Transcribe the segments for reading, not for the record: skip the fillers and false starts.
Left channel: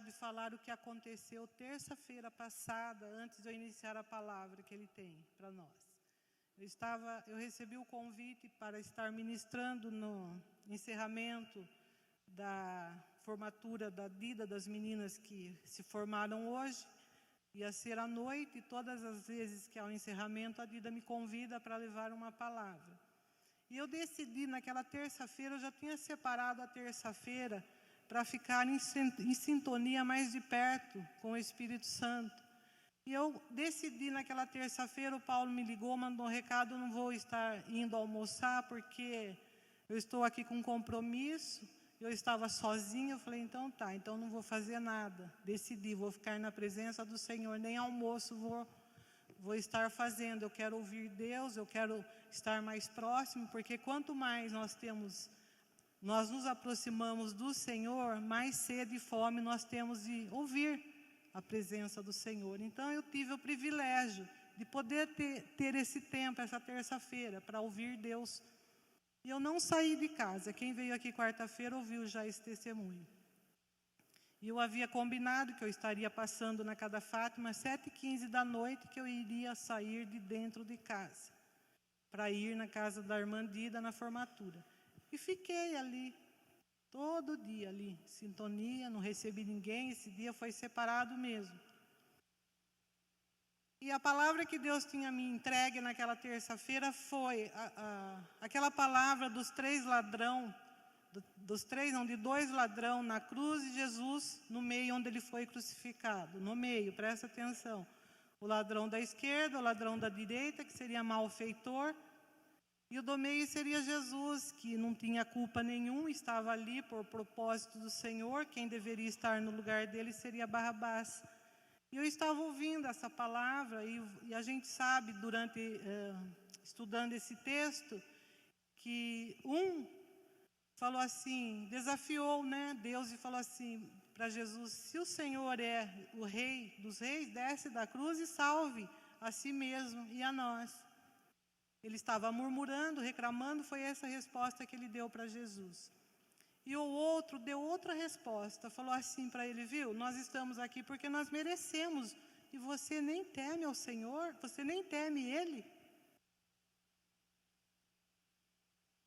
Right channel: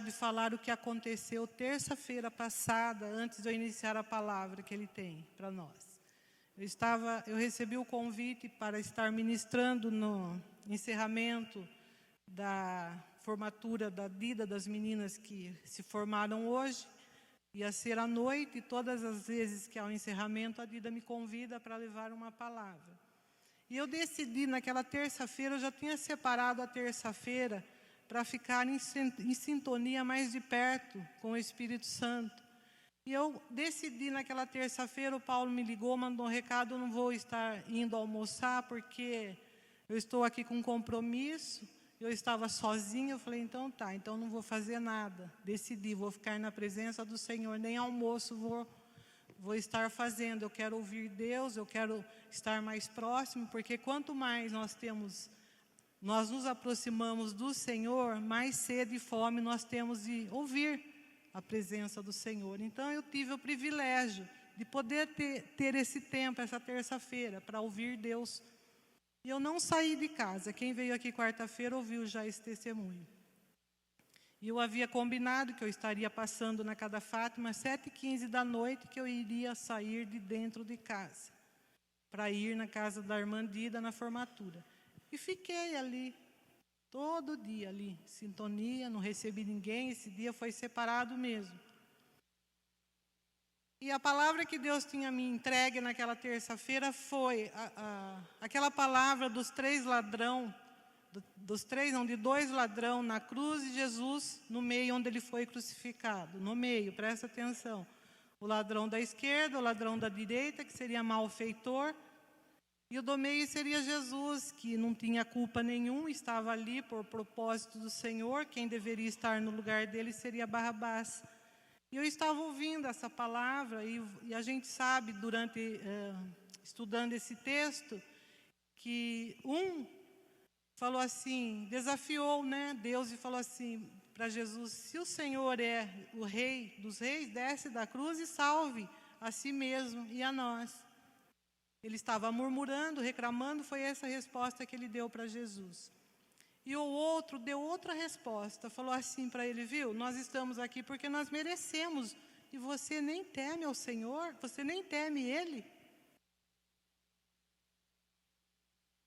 de falar o que aconteceu terça-feira passada, antes de eu iniciar a palavra que ele tem para nós. Eu recebi o convite para estar ministrando no encerramento da formatura da Dida, das meninas que se formaram hoje. Ia ser à noite, e todas as vezes que há um encerramento, a Dida me convida para levar uma palavra. E eu decidi, naquela terça-feira, eu já tinha separado a terça-feira para ficar em sintonia mais de perto com o Espírito Santo. E eu decidi naquela terça-feira, o Paulo me ligou, mandou um recado, eu não vou estar indo almoçar, porque eu estou aqui com um compromisso, eu estava sozinha, eu falei, então tá, então não vou fazer nada. Decidi, vou ficar na presença do Senhor, nem almoço vou estar fazendo. Eu quero ouvir Deus, eu quero estar mais próximo, porque quanto mais nós nos aproximamos do Senhor, mais sede e fome nós temos de ouvir a presença do Senhor. Então eu tive o privilégio de poder ter esse tempo, essa terça-feira, para ouvir Deus. E eu não saí de casa. Quem veio aqui quarta-feira ouviu já esse testemunho. E eu havia combinado que eu estaria passando na Casa Fátima às 7h15 da noite, que eu iria sair de dentro de casa, para ir na casa da irmã Dida, na formatura. E fiquei ali, todo dia ali, sintonia, não recebi ninguém, esse dia foi separado mesmo. E a palavra que Deus tinha me entregue naquela terça-feira foi aquela palavra dos dois ladrões na cruz e Jesus no meio onde ele foi crucificado. No meio, presta atenção. O ladrão da esquerda, o ladrão da direita, que seria malfeitor, e o do meio seria Jesus, que não tinha culpa nenhuma, estava ali por propósito do Senhor. Quem deveria estar no lugar dele seria Barrabás. E eu estava ouvindo essa palavra, e a gente sabe, estudando esse texto, que falou assim, desafiou, Deus, e falou assim para Jesus, se o Senhor é o Rei dos Reis, desce da cruz e salve a si mesmo e a nós. Ele estava murmurando, reclamando, foi essa a resposta que ele deu para Jesus. E o outro deu outra resposta, falou assim para ele, viu, nós estamos aqui porque nós merecemos, e você nem teme ao Senhor, você nem teme Ele.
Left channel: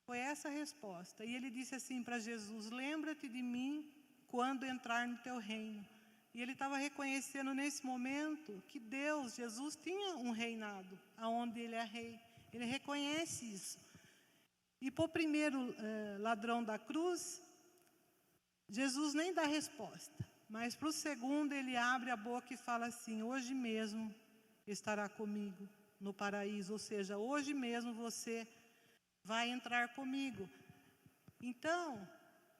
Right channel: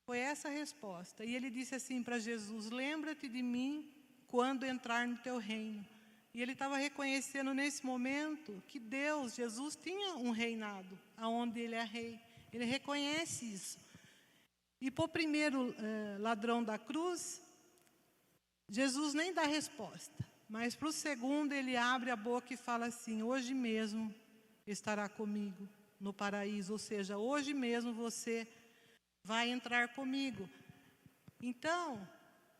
Foi essa a resposta. E ele disse assim para Jesus, lembra-te de mim quando entrar no teu reino. E ele estava reconhecendo nesse momento que Deus, Jesus, tinha um reinado, onde Ele é rei. Ele reconhece isso. E para o primeiro ladrão da cruz, Jesus nem dá resposta. Mas para o segundo, ele abre a boca e fala assim, hoje mesmo estará comigo no paraíso. Ou seja, hoje mesmo você vai entrar comigo. Então,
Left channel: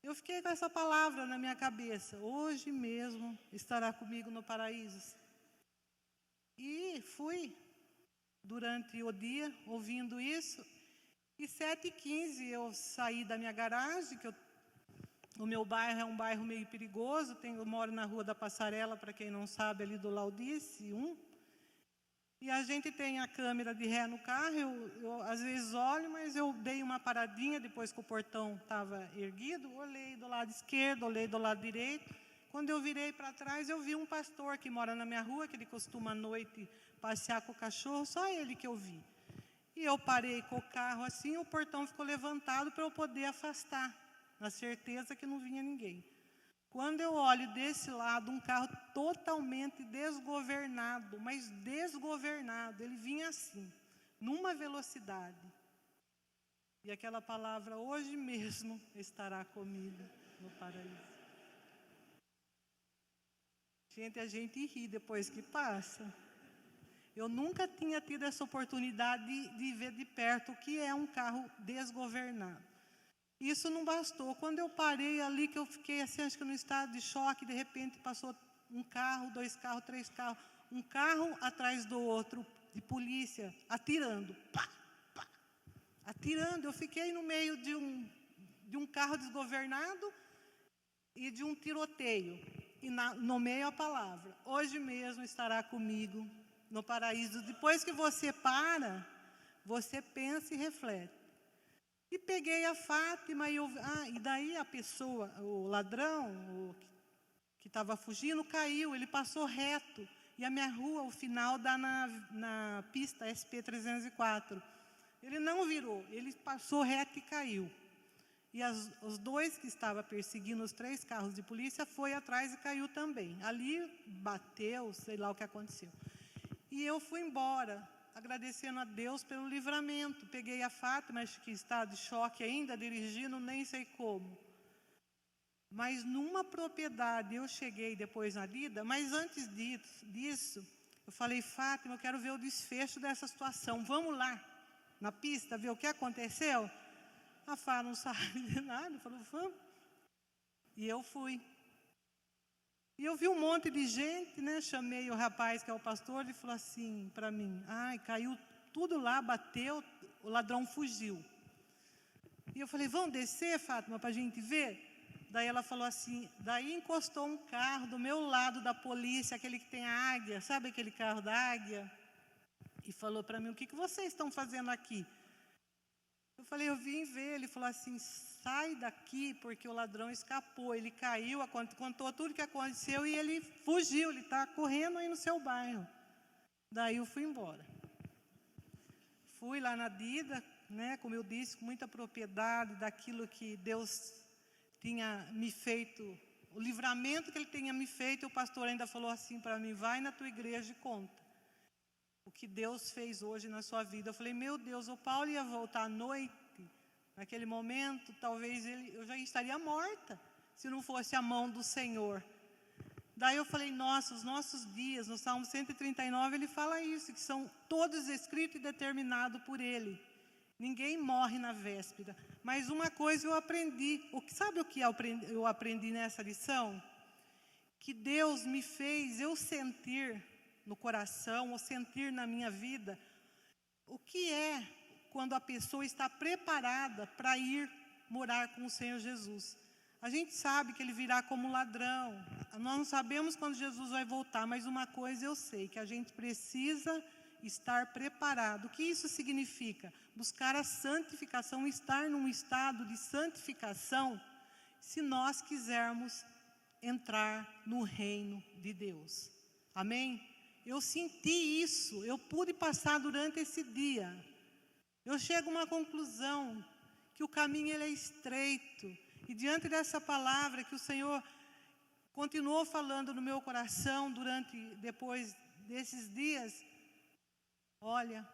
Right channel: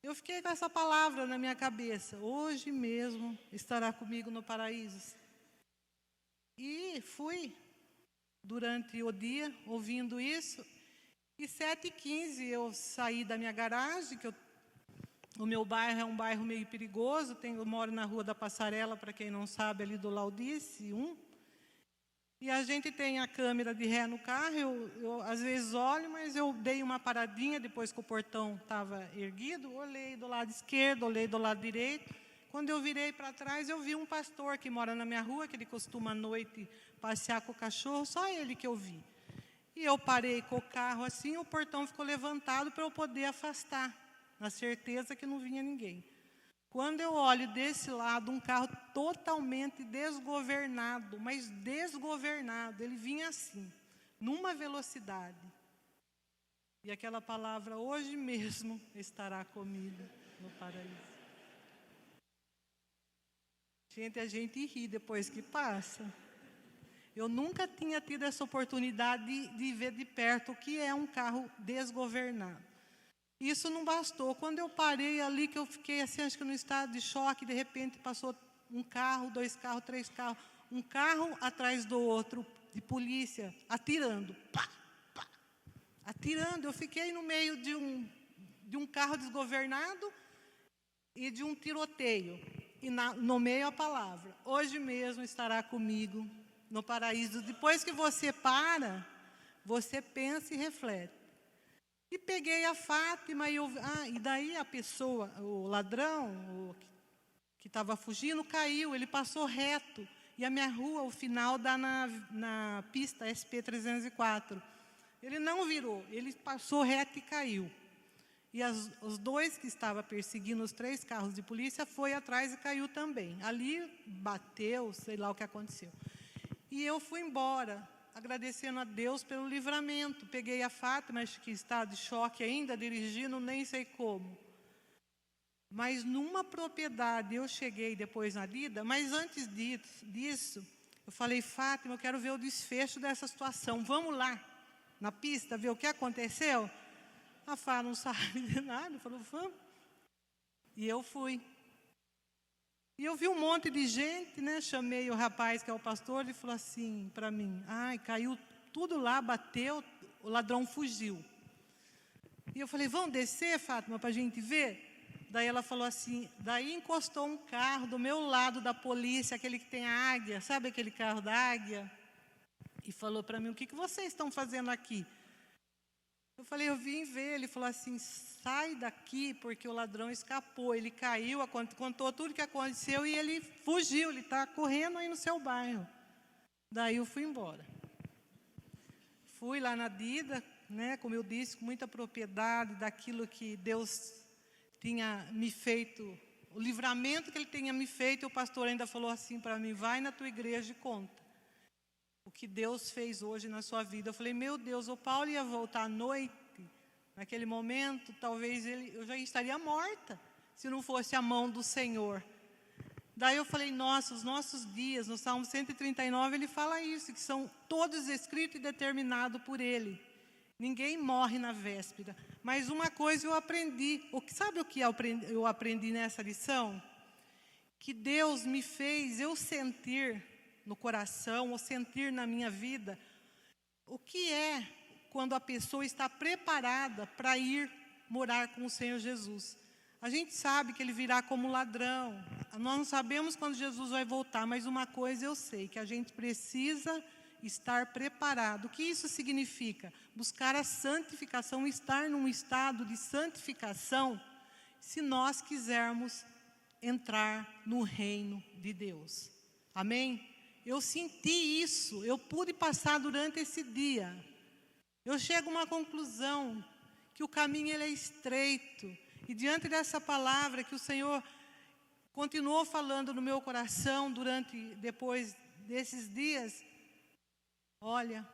eu fiquei com essa palavra na minha cabeça. Hoje mesmo estará comigo no paraíso. E fui durante o dia ouvindo isso. E 7h15 eu saí da minha garagem, o meu bairro é um bairro meio perigoso. Eu moro na Rua da Passarela, para quem não sabe, ali do Laudice 1. E a gente tem a câmera de ré no carro, eu às vezes olho, mas eu dei uma paradinha depois que o portão estava erguido, olhei do lado esquerdo, olhei do lado direito. Quando eu virei para trás, eu vi um pastor que mora na minha rua, que ele costuma à noite passear com o cachorro, só ele que eu vi. E eu parei com o carro assim, o portão ficou levantado para eu poder afastar, na certeza que não vinha ninguém. Quando eu olho desse lado, um carro totalmente desgovernado, mas desgovernado, ele vinha assim, numa velocidade. E aquela palavra, hoje mesmo estará comigo no paraíso. Gente, a gente ri depois que passa. Eu nunca tinha tido essa oportunidade de ver de perto o que é um carro desgovernado. Isso não bastou. Quando eu parei ali, que eu fiquei assim, acho que no estado de choque, de repente passou um carro, 2 carros, 3 carros, um carro atrás do outro, de polícia, atirando. Pá, pá, atirando. Eu fiquei no meio de um carro desgovernado e de um tiroteio. E no meio a palavra, hoje mesmo estará comigo no paraíso. Depois que você para, você pensa e reflete. E peguei a Fátima e daí a pessoa, o ladrão, que que estava fugindo, caiu, ele passou reto. E a minha rua, o final, dá na pista SP-304. Ele não virou, ele passou reto e caiu. E os dois que estavam perseguindo os 3 carros de polícia foi atrás e caiu também. Ali bateu, sei lá o que aconteceu. E eu fui embora, agradecendo a Deus pelo livramento. Peguei a Fátima, acho que está de choque ainda, dirigindo, nem sei como. Mas numa propriedade, eu cheguei depois na Lida, mas antes disso, eu falei, Fátima, eu quero ver o desfecho dessa situação. Vamos lá, na pista, ver o que aconteceu? A Fá não sabe de nada, falou, vamos. E eu fui. E eu vi um monte de gente, né? Chamei o rapaz que é o pastor, ele falou assim para mim, ai, caiu tudo lá, bateu, o ladrão fugiu. E eu falei, vamos descer, Fátima, para a gente ver? Daí ela falou assim, daí encostou um carro do meu lado da polícia, aquele que tem a águia, sabe aquele carro da águia? E falou para mim, o que vocês estão fazendo aqui? Eu falei, eu vim ver. Ele falou assim, sai daqui, porque o ladrão escapou, ele caiu, contou tudo o que aconteceu e ele fugiu, ele está correndo aí no seu bairro. Daí eu fui embora. Fui lá na Dida, né, como eu disse, com muita propriedade daquilo que Deus tinha me feito, o livramento que Ele tinha me feito. E o pastor ainda falou assim para mim, vai na tua igreja e conta o que Deus fez hoje na sua vida. Eu falei, meu Deus, o Paulo ia voltar à noite, naquele momento, talvez eu já estaria morta, se não fosse a mão do Senhor. Daí eu falei, nossa, os nossos dias, no Salmo 139, ele fala isso, que são todos escritos e determinados por Ele. Ninguém morre na véspera. Mas uma coisa eu aprendi, sabe o que eu aprendi nessa lição? Que Deus me fez eu sentir no coração, ou sentir na minha vida, o que é quando a pessoa está preparada para ir morar com o Senhor Jesus. A gente sabe que Ele virá como ladrão, nós não sabemos quando Jesus vai voltar, mas uma coisa eu sei, que a gente precisa estar preparado. O que isso significa? Buscar a santificação, estar num estado de santificação, se nós quisermos entrar no reino de Deus. Amém? Eu senti isso, eu pude passar durante esse dia. Eu chego a uma conclusão, que o caminho ele é estreito, e diante dessa palavra que o Senhor continuou falando no meu coração depois desses dias, olha,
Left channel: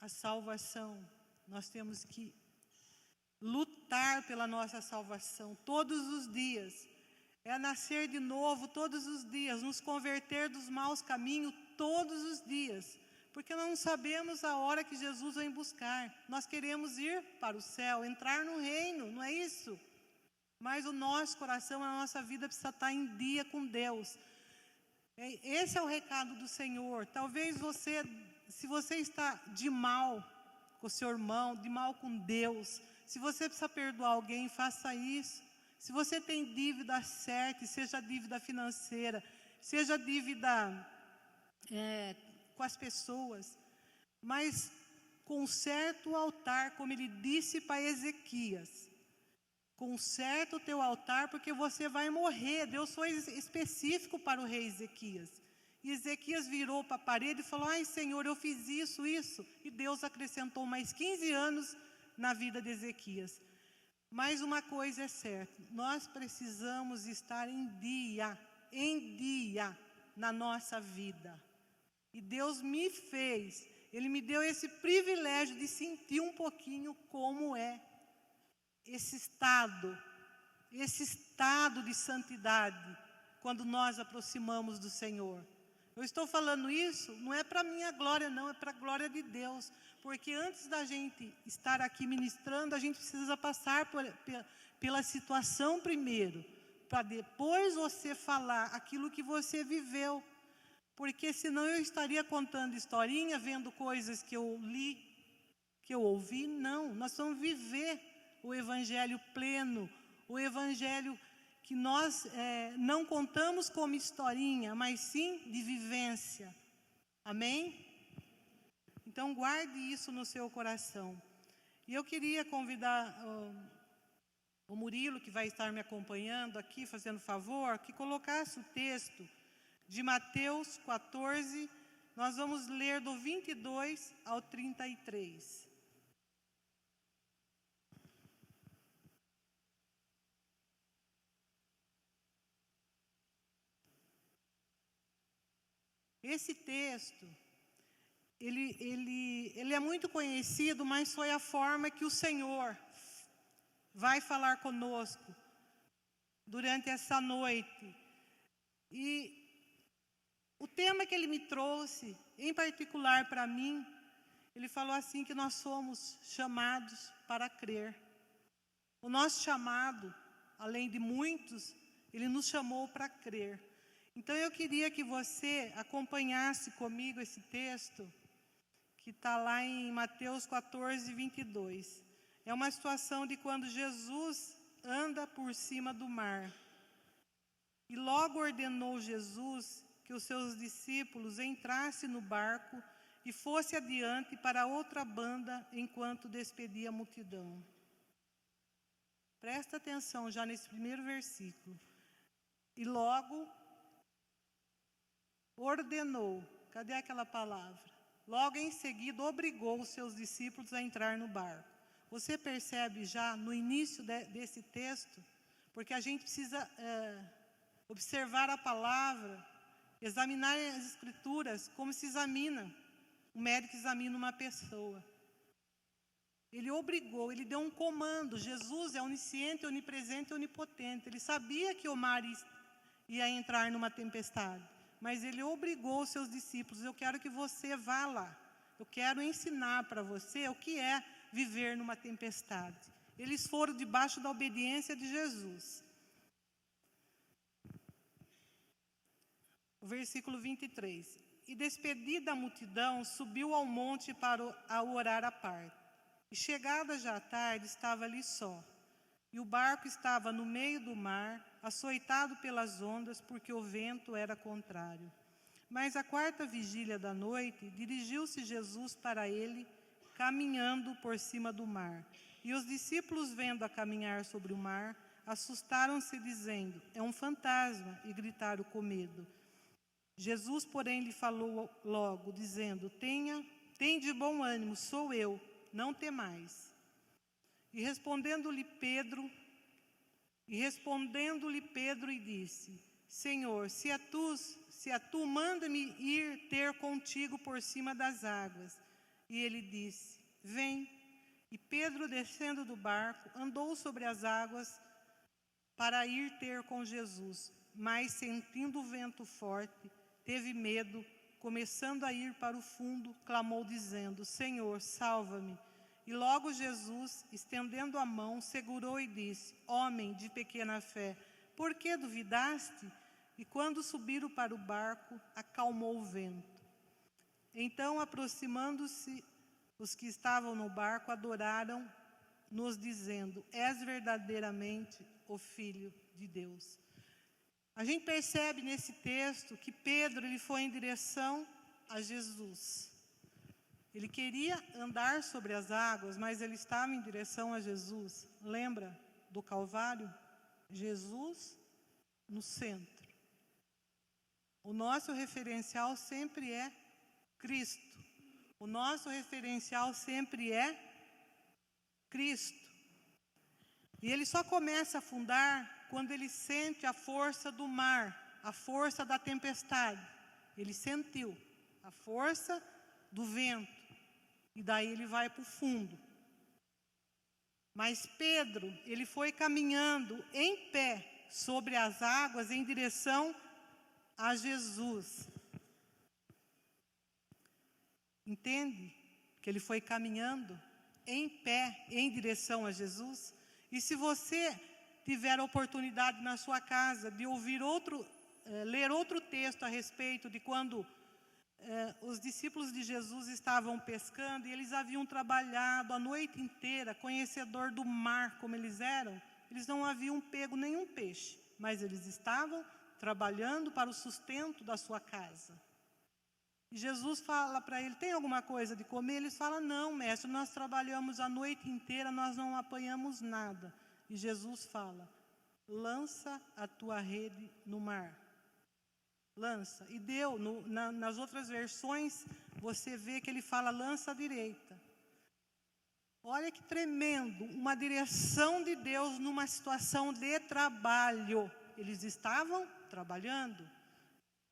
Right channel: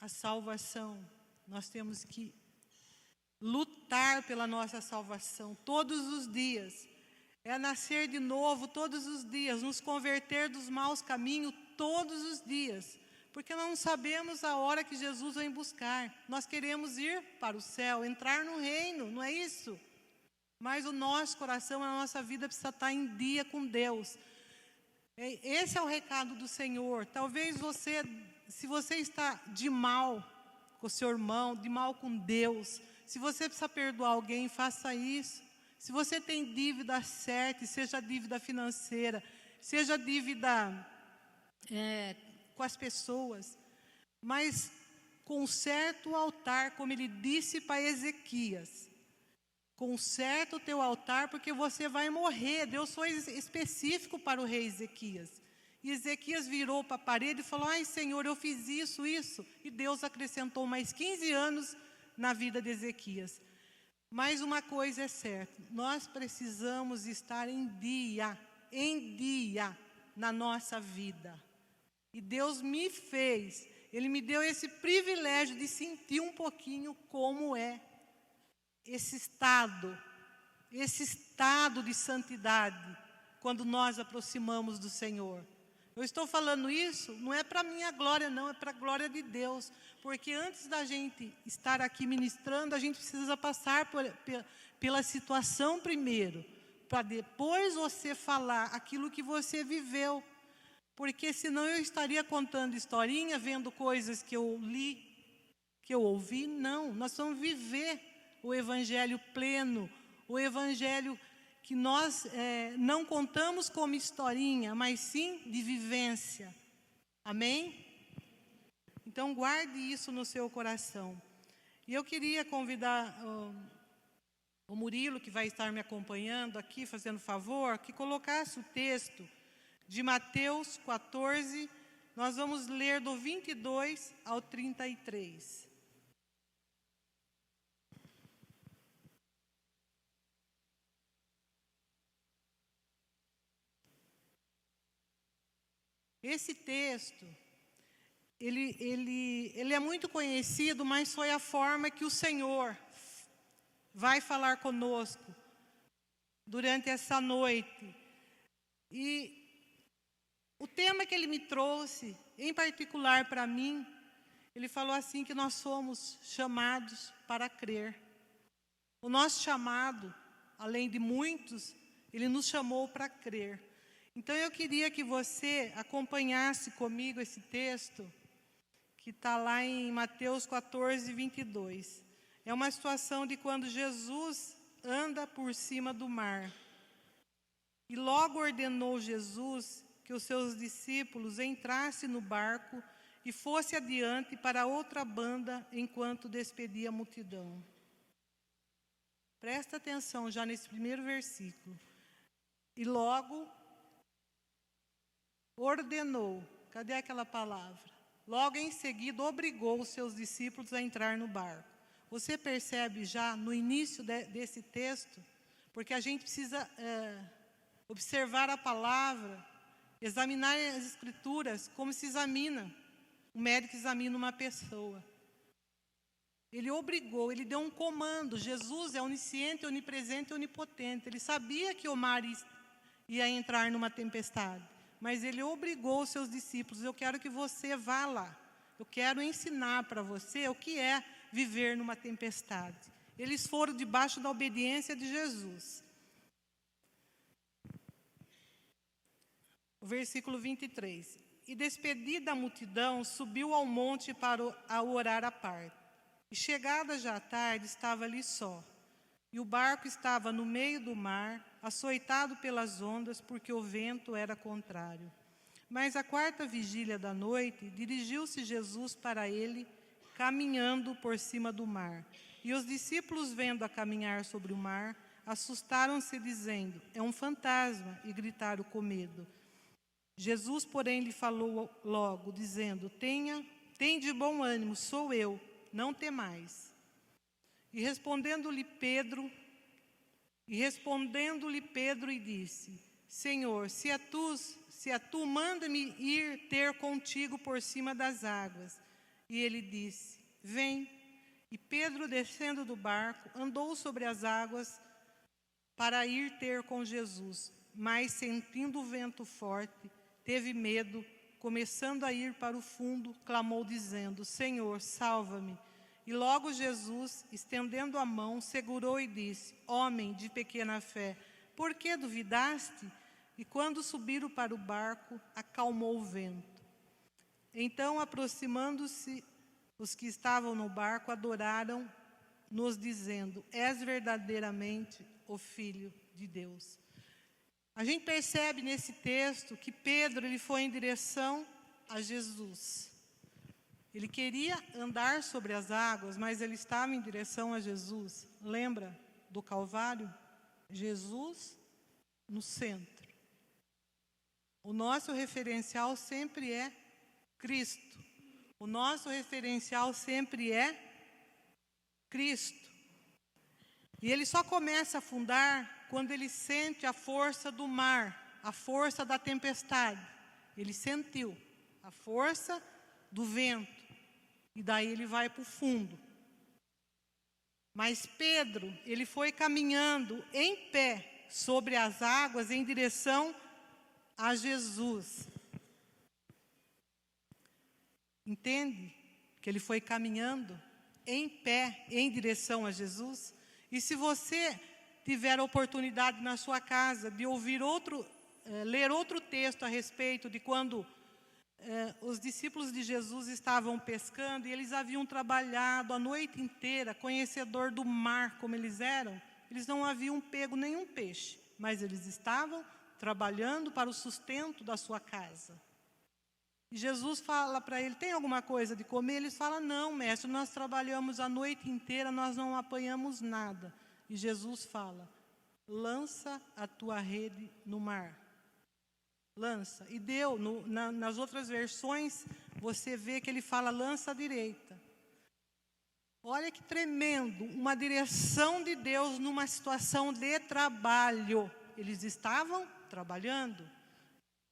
a salvação, nós temos que lutar pela nossa salvação todos os dias. É nascer de novo todos os dias, nos converter dos maus caminhos todos os dias. Porque nós não sabemos a hora que Jesus vem buscar. Nós queremos ir para o céu, entrar no reino, não é isso? Mas o nosso coração, a nossa vida precisa estar em dia com Deus. Esse é o recado do Senhor. Talvez se você está de mal com o seu irmão, de mal com Deus, se você precisa perdoar alguém, faça isso. Se você tem dívida, acerte, seja dívida financeira, seja dívida com as pessoas, mas conserte o altar, como ele disse para Ezequias. Conserte o teu altar, porque você vai morrer. Deus foi específico para o rei Ezequias. E Ezequias virou para a parede e falou, ai Senhor, eu fiz isso. E Deus acrescentou mais 15 anos na vida de Ezequias. Mas uma coisa é certa, nós precisamos estar em dia na nossa vida. E Deus me fez, Ele me deu esse privilégio de sentir um pouquinho como é esse estado de santidade, quando nós aproximamos do Senhor. Eu estou falando isso, não é para minha glória não, é para a glória de Deus. Porque antes da gente estar aqui ministrando, a gente precisa passar pela situação primeiro, para depois você falar aquilo que você viveu. Porque senão eu estaria contando historinha, vendo coisas que eu li, que eu ouvi. Não, nós vamos viver o Evangelho pleno, o Evangelho que nós não contamos como historinha, mas sim de vivência. Amém? Então, guarde isso no seu coração. E eu queria convidar o Murilo, que vai estar me acompanhando aqui, fazendo favor, que colocasse o texto de Mateus 14, nós vamos ler do 22 ao 33. Esse texto, ele é muito conhecido, mas foi a forma que o Senhor vai falar conosco durante essa noite. E o tema que ele me trouxe, em particular para mim, ele falou assim que nós somos chamados para crer. O nosso chamado, além de muitos, ele nos chamou para crer. Então eu queria que você acompanhasse comigo esse texto, que está lá em Mateus 14, 22. É uma situação de quando Jesus anda por cima do mar. E logo ordenou Jesus que os seus discípulos entrassem no barco e fosse adiante para outra banda enquanto despedia a multidão. Presta atenção já nesse primeiro versículo. E logo ordenou, cadê aquela palavra? Logo em seguida obrigou os seus discípulos a entrar no barco. Você percebe já no início desse texto, porque a gente precisa observar a palavra, examinar as escrituras como se examina, o médico examina uma pessoa. Ele obrigou, ele deu um comando. Jesus é onisciente, onipresente e onipotente. Ele sabia que o mar ia entrar numa tempestade, mas ele obrigou os seus discípulos. Eu quero que você vá lá. Eu quero ensinar para você o que é viver numa tempestade. Eles foram debaixo da obediência de Jesus. O versículo 23. E despedida a multidão, subiu ao monte para orar à parte. E chegada já a tarde, estava ali só. E o barco estava no meio do mar, açoitado pelas ondas, porque o vento era contrário. Mas à quarta vigília da noite, dirigiu-se Jesus para ele, caminhando por cima do mar. E os discípulos, vendo-a caminhar sobre o mar, assustaram-se, dizendo: é um fantasma, e gritaram com medo. Jesus, porém, lhe falou logo, dizendo: Tende bom ânimo, sou eu, não temais. E respondendo-lhe Pedro e disse: Senhor, se é tu, manda-me ir ter contigo por cima das águas. E ele disse: Vem. E Pedro, descendo do barco, andou sobre as águas para ir ter com Jesus. Mas, sentindo o vento forte, teve medo, começando a ir para o fundo, clamou dizendo: Senhor, salva-me. E logo Jesus, estendendo a mão, segurou e disse: Homem de pequena fé, por que duvidaste? E quando subiram para o barco, acalmou o vento. Então, aproximando-se, os que estavam no barco adoraram, nos dizendo: És verdadeiramente o Filho de Deus. A gente percebe nesse texto que Pedro ele foi em direção a Jesus. Ele queria andar sobre as águas, mas ele estava em direção a Jesus. Lembra do Calvário? Jesus no centro. O nosso referencial sempre é Cristo. O nosso referencial sempre é Cristo. E ele só começa a afundar quando ele sente a força do mar, a força da tempestade. Ele sentiu a força do vento. E daí ele vai para o fundo. Mas Pedro, ele foi caminhando em pé sobre as águas em direção a Jesus. Entende? Que ele foi caminhando em pé em direção a Jesus. E se você tiver a oportunidade na sua casa de ouvir ler outro texto a respeito de quando os discípulos de Jesus estavam pescando e eles haviam trabalhado a noite inteira, conhecedor do mar como eles eram, eles não haviam pego nenhum peixe, mas eles estavam trabalhando para o sustento da sua casa. E Jesus fala para ele: tem alguma coisa de comer? Eles falam: não, mestre, nós trabalhamos a noite inteira, nós não apanhamos nada. E Jesus fala: lança a tua rede no mar. Lança. E nas outras versões, você vê que ele fala: lança à direita. Olha que tremendo, uma direção de Deus numa situação de trabalho. Eles estavam trabalhando.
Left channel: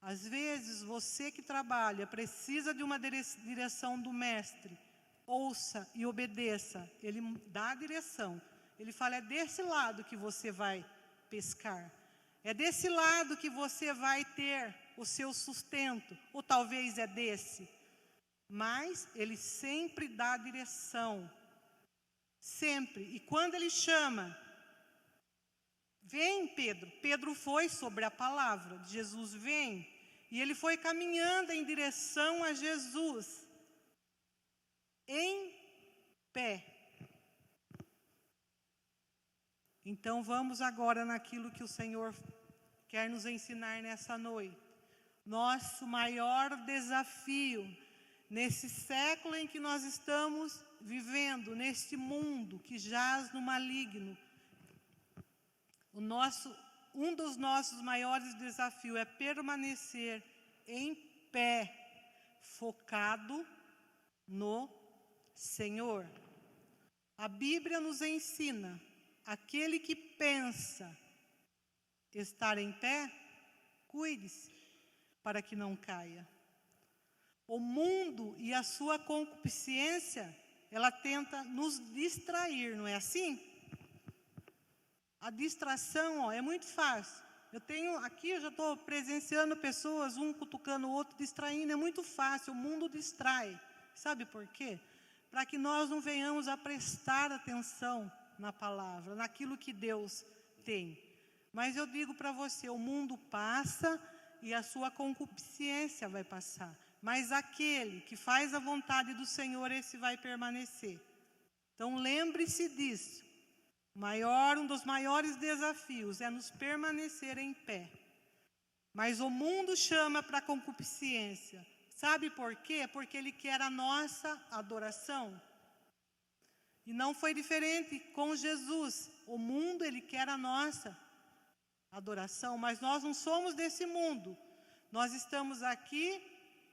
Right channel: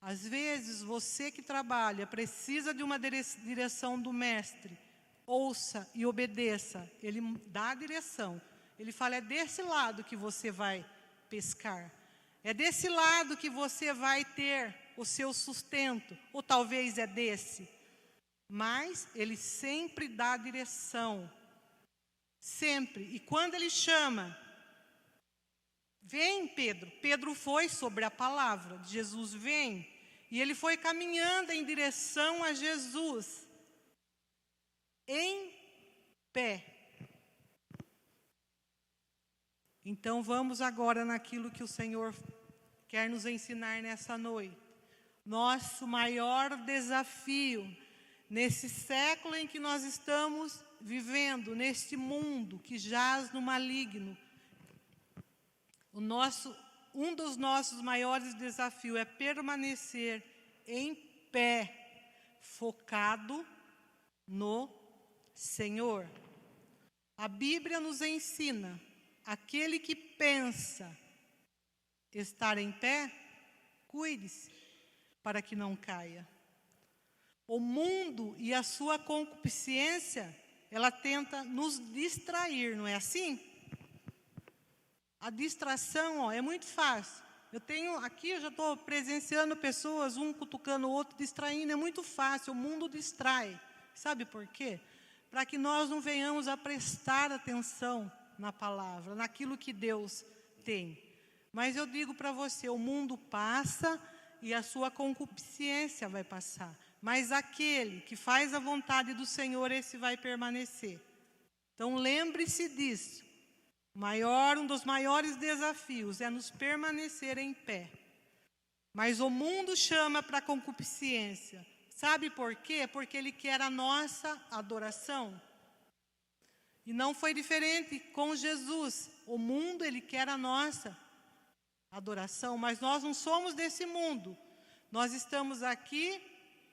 Às vezes, você que trabalha precisa de uma direção do mestre. Ouça e obedeça. Ele dá a direção. Ele fala: é desse lado que você vai pescar. É desse lado que você vai ter o seu sustento. Ou talvez é desse. Mas ele sempre dá a direção. Sempre. E quando ele chama: vem, Pedro. Pedro foi sobre a palavra de Jesus: vem. E ele foi caminhando em direção a Jesus, em pé. Então vamos agora naquilo que o Senhor quer nos ensinar nessa noite. Nosso maior desafio nesse século em que nós estamos vivendo, neste mundo que jaz no maligno, um dos nossos maiores desafios é permanecer em pé, focado no Senhor. A Bíblia nos ensina: aquele que pensa estar em pé, cuide-se para que não caia. O mundo e a sua concupiscência, ela tenta nos distrair, não é assim? A distração, é muito fácil. Eu já estou presenciando pessoas, um cutucando o outro, distraindo, é muito fácil, o mundo distrai. Sabe por quê? Para que nós não venhamos a prestar atenção na palavra, naquilo que Deus tem. Mas eu digo para você, o mundo passa e a sua concupiscência vai passar. Mas aquele que faz a vontade do Senhor, esse vai permanecer. Então lembre-se disso. Um dos maiores desafios é nos permanecer em pé. Mas o mundo chama para a concupiscência. Sabe por quê? Porque ele quer a nossa adoração. E não foi diferente com Jesus. O mundo, ele quer a nossa adoração, mas nós não somos desse mundo. Nós estamos aqui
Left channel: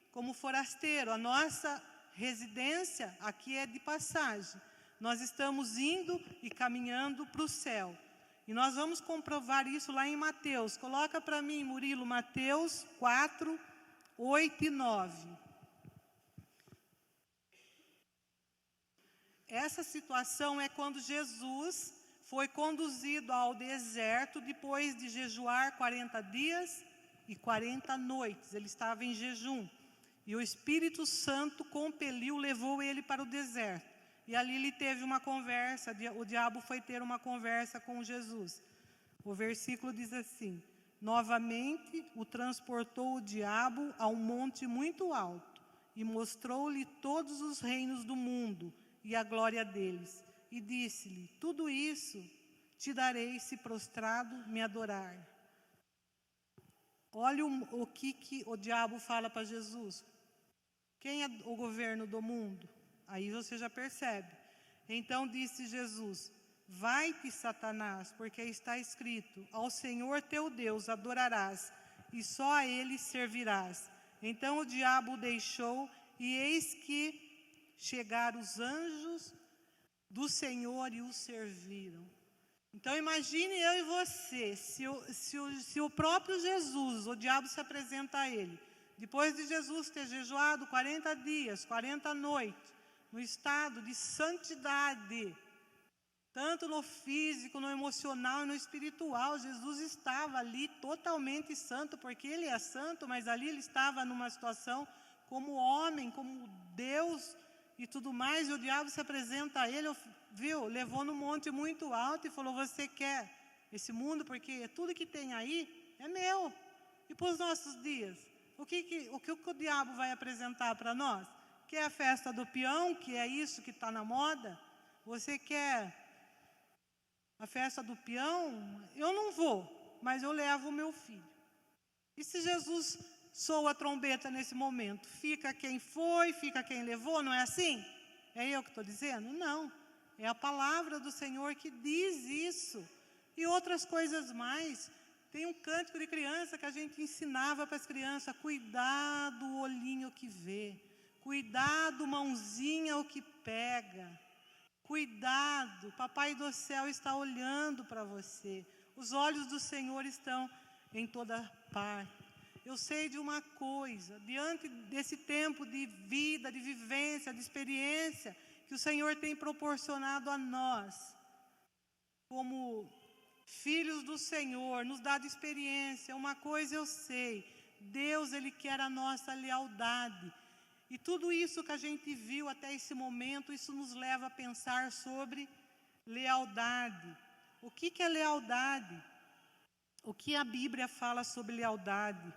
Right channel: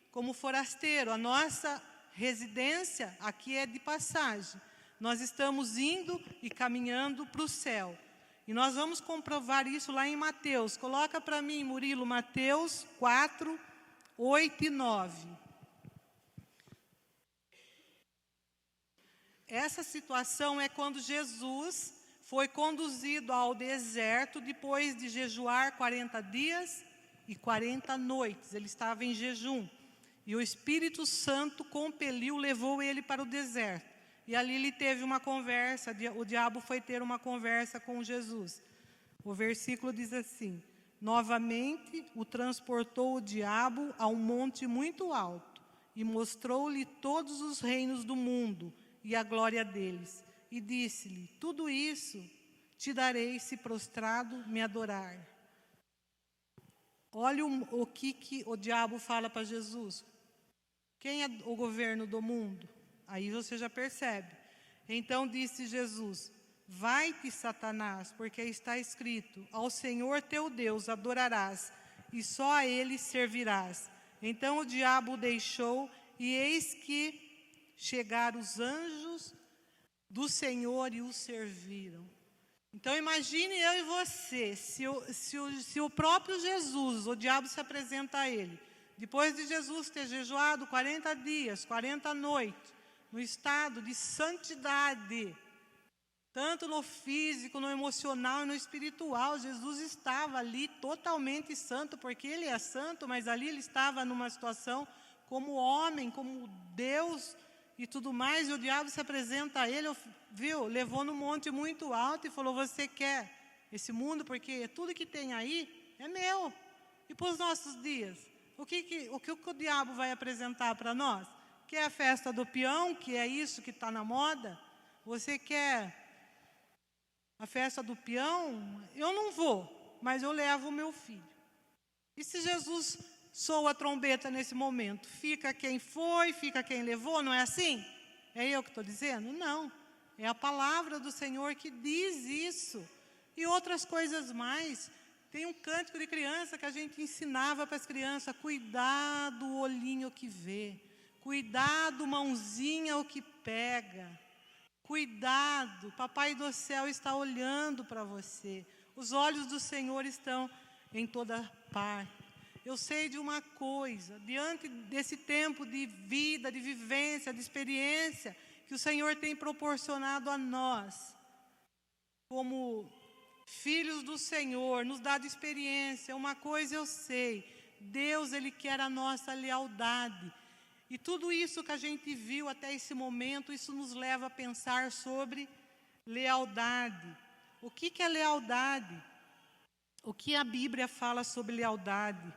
como forasteiro. A nossa residência aqui é de passagem. Nós estamos indo e caminhando para o céu. E nós vamos comprovar isso lá em Mateus. Coloca para mim, Murilo, Mateus 4, 8 e 9. Essa situação é quando Jesus foi conduzido ao deserto depois de jejuar 40 dias e 40 noites. Ele estava em jejum. E o Espírito Santo compeliu, levou ele para o deserto. E ali ele teve uma conversa, o diabo foi ter uma conversa com Jesus. O versículo diz assim: novamente o transportou o diabo a um monte muito alto e mostrou-lhe todos os reinos do mundo e a glória deles. E disse-lhe: tudo isso te darei se prostrado me adorar. Olha o que o diabo fala para Jesus. Quem é o governo do mundo? Aí você já percebe. Então disse Jesus: vai-te, Satanás, porque está escrito: ao Senhor teu Deus adorarás, e só a Ele servirás. Então o diabo o deixou, e eis que chegaram os anjos do Senhor e o serviram. Então imagine eu e você, se o próprio Jesus, o diabo se apresenta a ele, depois de Jesus ter jejuado 40 dias, 40 noites, no estado de santidade, tanto no físico, no emocional e no espiritual. Jesus estava ali totalmente santo, porque ele é santo, mas ali ele estava numa situação como homem, como Deus e tudo mais. E o diabo se apresenta a ele, levou no monte muito alto e falou: você quer esse mundo? Porque tudo que tem aí é meu. E para os nossos dias, o que o diabo vai apresentar para nós? Quer a festa do peão, que é isso que está na moda? Você quer a festa do peão? Eu não vou, mas eu levo o meu filho. E se Jesus soa a trombeta nesse momento? Fica quem foi, fica quem levou, não é assim? É eu que estou dizendo? Não. É a palavra do Senhor que diz isso. E outras coisas mais. Tem um cântico de criança que a gente ensinava para as crianças: cuidado o olhinho que vê, cuidado mãozinha o que pega, cuidado, papai do céu está olhando para você, os olhos do Senhor estão em toda parte. Eu sei de uma coisa, diante desse tempo de vida, de vivência, de experiência que o Senhor tem proporcionado a nós, como filhos do Senhor, nos dado experiência. Uma coisa eu sei: Deus, Ele quer a nossa lealdade. E tudo isso que a gente viu até esse momento, isso nos leva a pensar sobre lealdade. O que é lealdade? O que a Bíblia fala sobre lealdade?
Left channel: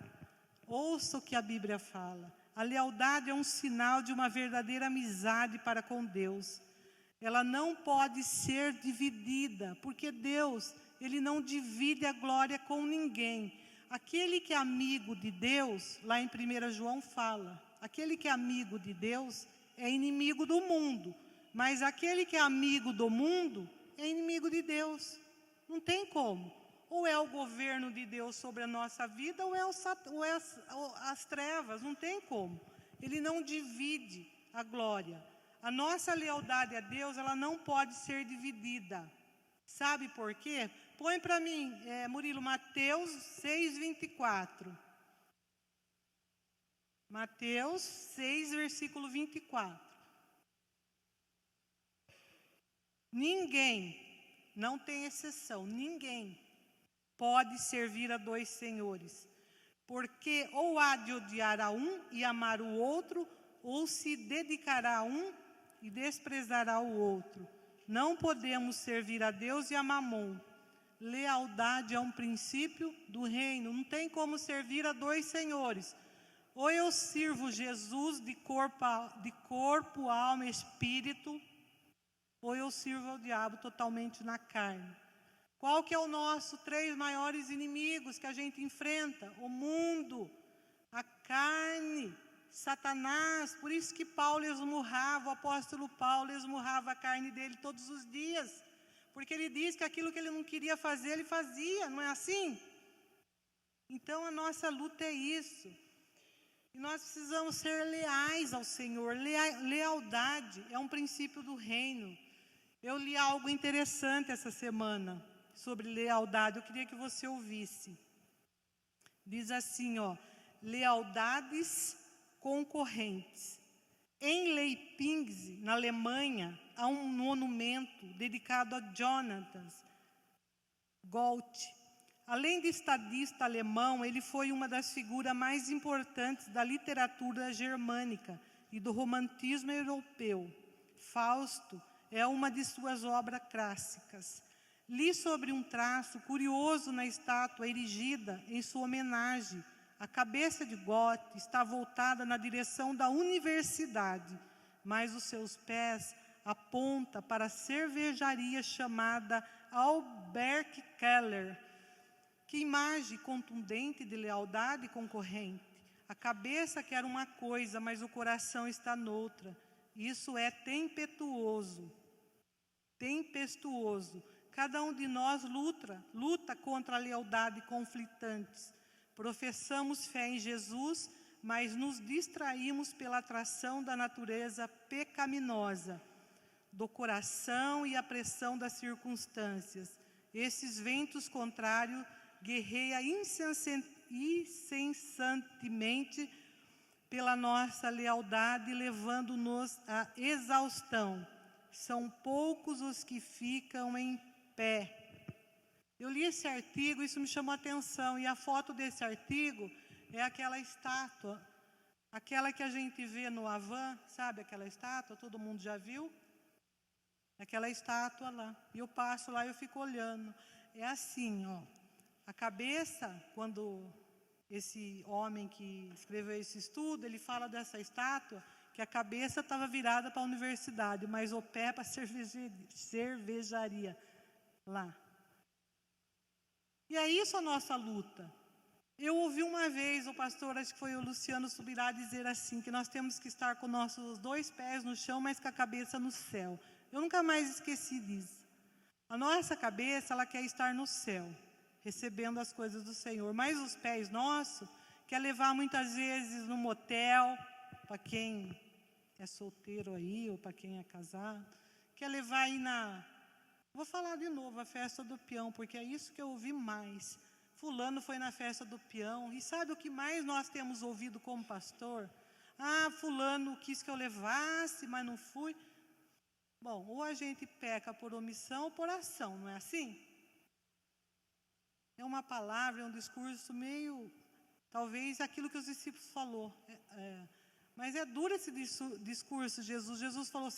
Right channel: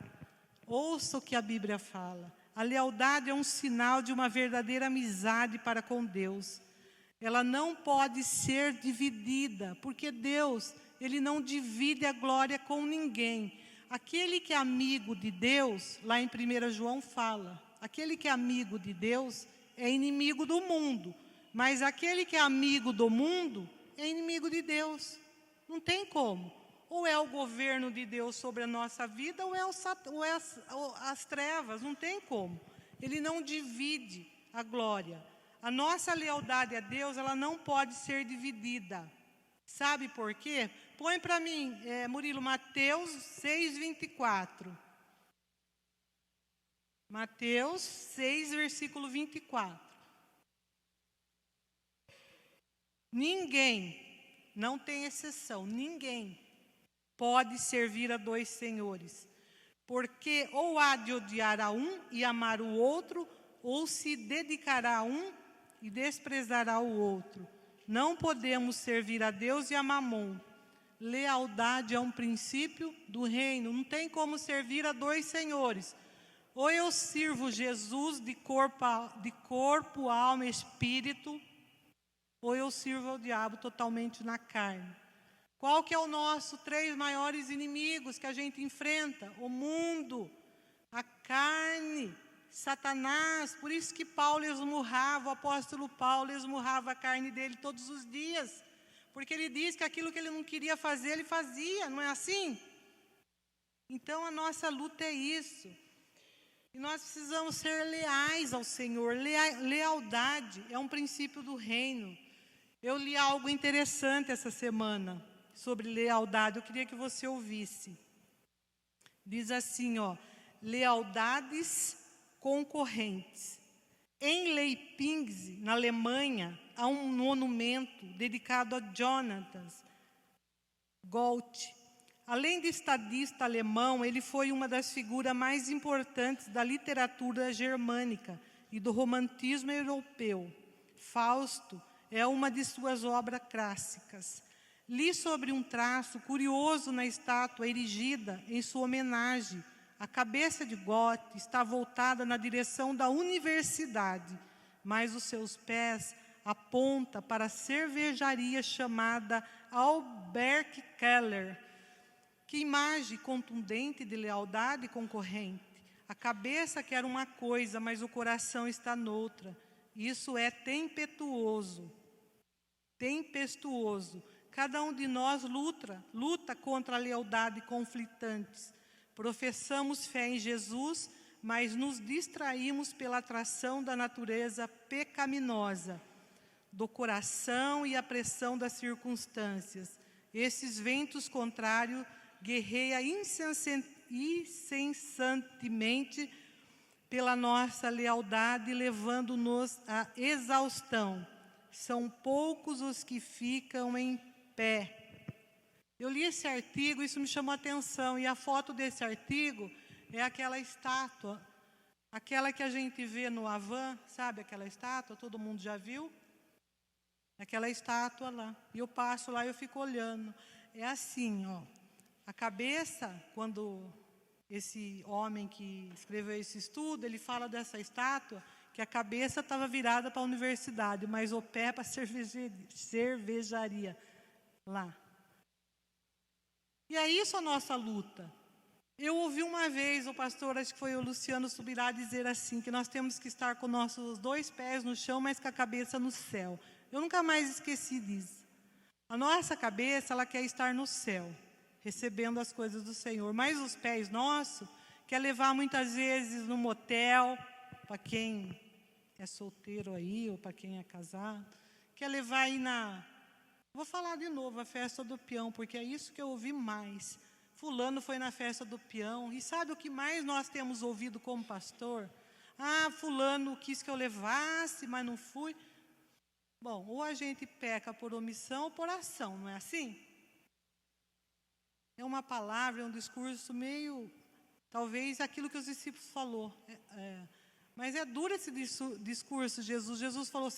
Ouça o que a Bíblia fala. A lealdade é um sinal de uma verdadeira amizade para com Deus. Ela não pode ser dividida, porque Deus, Ele não divide a glória com ninguém. Aquele que é amigo de Deus, lá em 1 João fala, aquele que é amigo de Deus é inimigo do mundo, mas aquele que é amigo do mundo é inimigo de Deus. Não tem como. Ou é o governo de Deus sobre a nossa vida, ou é as trevas, não tem como. Ele não divide a glória. A nossa lealdade a Deus, ela não pode ser dividida. Sabe por quê? Põe para mim, Murilo, Mateus 6:24. Mateus 6, versículo 24. Ninguém, não tem exceção, ninguém pode servir a dois senhores, porque ou há de odiar a um e amar o outro, ou se dedicará a um e desprezará o outro. Não podemos servir a Deus e a Mamon. Lealdade é um princípio do reino. Não tem como servir a dois senhores. Ou eu sirvo Jesus de corpo, alma e espírito, ou eu sirvo ao diabo totalmente na carne. Qual que é o nosso 3 maiores inimigos que a gente enfrenta? O mundo, a carne, Satanás. Por isso que Paulo esmurrava, o apóstolo Paulo esmurrava a carne dele todos os dias. Porque ele diz que aquilo que ele não queria fazer, ele fazia, não é assim? Então a nossa luta é isso. E nós precisamos ser leais ao Senhor. Lealdade é um princípio do reino. Eu li algo interessante essa semana sobre lealdade. Eu queria que você ouvisse. Diz assim, lealdades concorrentes. Em Leipzig, na Alemanha, há um monumento dedicado a Jonathan Goethe. Além de estadista alemão, ele foi uma das figuras mais importantes da literatura germânica e do romantismo europeu. Fausto é uma de suas obras clássicas. Li sobre um traço curioso na estátua erigida em sua homenagem. A cabeça de Goethe está voltada na direção da universidade, mas os seus pés apontam para a cervejaria chamada Albert Keller. Que imagem contundente de lealdade concorrente. A cabeça quer uma coisa, mas o coração está noutra. Isso é tempestuoso. Cada um de nós luta contra a lealdade conflitantes. Professamos fé em Jesus, mas nos distraímos pela atração da natureza pecaminosa, do coração e a pressão das circunstâncias. Esses ventos contrários guerreiam incessantemente pela nossa lealdade, levando-nos à exaustão. São poucos os que ficam em pé. Eu li esse artigo, isso me chamou a atenção, e a foto desse artigo é aquela estátua, aquela que a gente vê no Havan, sabe aquela estátua, todo mundo já viu? Aquela estátua lá, e eu passo lá e eu fico olhando, é assim, a cabeça, quando esse homem que escreveu esse estudo, ele fala dessa estátua, que a cabeça estava virada para a universidade, mas o pé para a cervejaria lá. E é isso a nossa luta. Eu ouvi uma vez o pastor, acho que foi o Luciano Subirá, dizer assim, que nós temos que estar com nossos 2 pés no chão, mas com a cabeça no céu. Eu nunca mais esqueci disso. A nossa cabeça, ela quer estar no céu, recebendo as coisas do Senhor, mas os pés nossos quer levar muitas vezes no motel, para quem é solteiro aí, ou para quem é casado, quer levar aí vou falar de novo, a festa do peão, porque é isso que eu ouvi mais. Fulano foi na festa do peão, e sabe o que mais nós temos ouvido como pastor? Ah, fulano quis que eu levasse, mas não fui. Bom, ou a gente peca por omissão ou por ação, não é assim? É uma palavra, é um discurso meio, talvez aquilo que os discípulos falou. Mas é duro esse discurso, Jesus falou,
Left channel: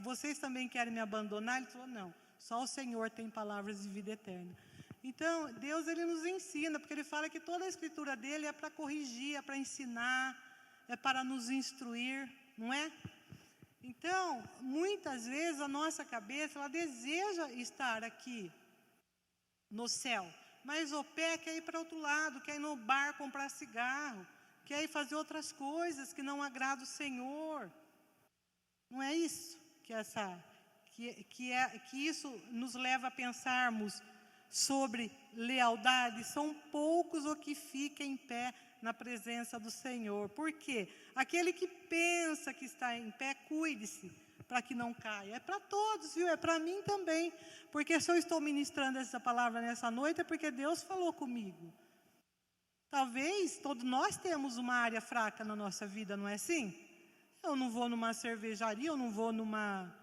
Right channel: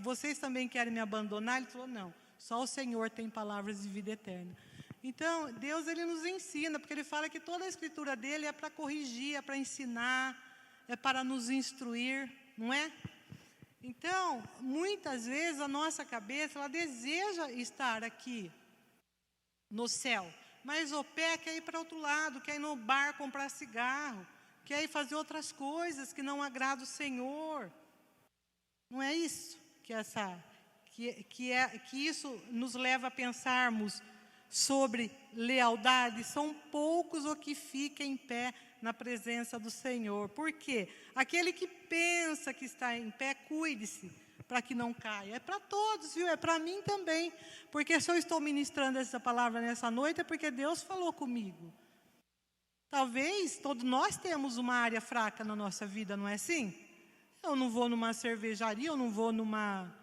vocês também querem me abandonar? Ele falou, não, só o Senhor tem palavras de vida eterna. Então, Deus, Ele nos ensina, porque Ele fala que toda a escritura dEle é para corrigir, é para ensinar, é para nos instruir, não é? Então, muitas vezes a nossa cabeça, ela deseja estar aqui no céu, mas o pé quer ir para outro lado, quer ir no bar comprar cigarro, quer ir fazer outras coisas que não agradam o Senhor. Não é isso que isso nos leva a pensarmos sobre lealdade? São poucos os que ficam em pé na presença do Senhor. Por quê? Aquele que pensa que está em pé, cuide-se para que não caia. É para todos, viu? É para mim também. Porque se eu estou ministrando essa palavra nessa noite, é porque Deus falou comigo. Talvez todos nós temos uma área fraca na nossa vida, não é assim? Eu não vou numa cervejaria, eu não vou numa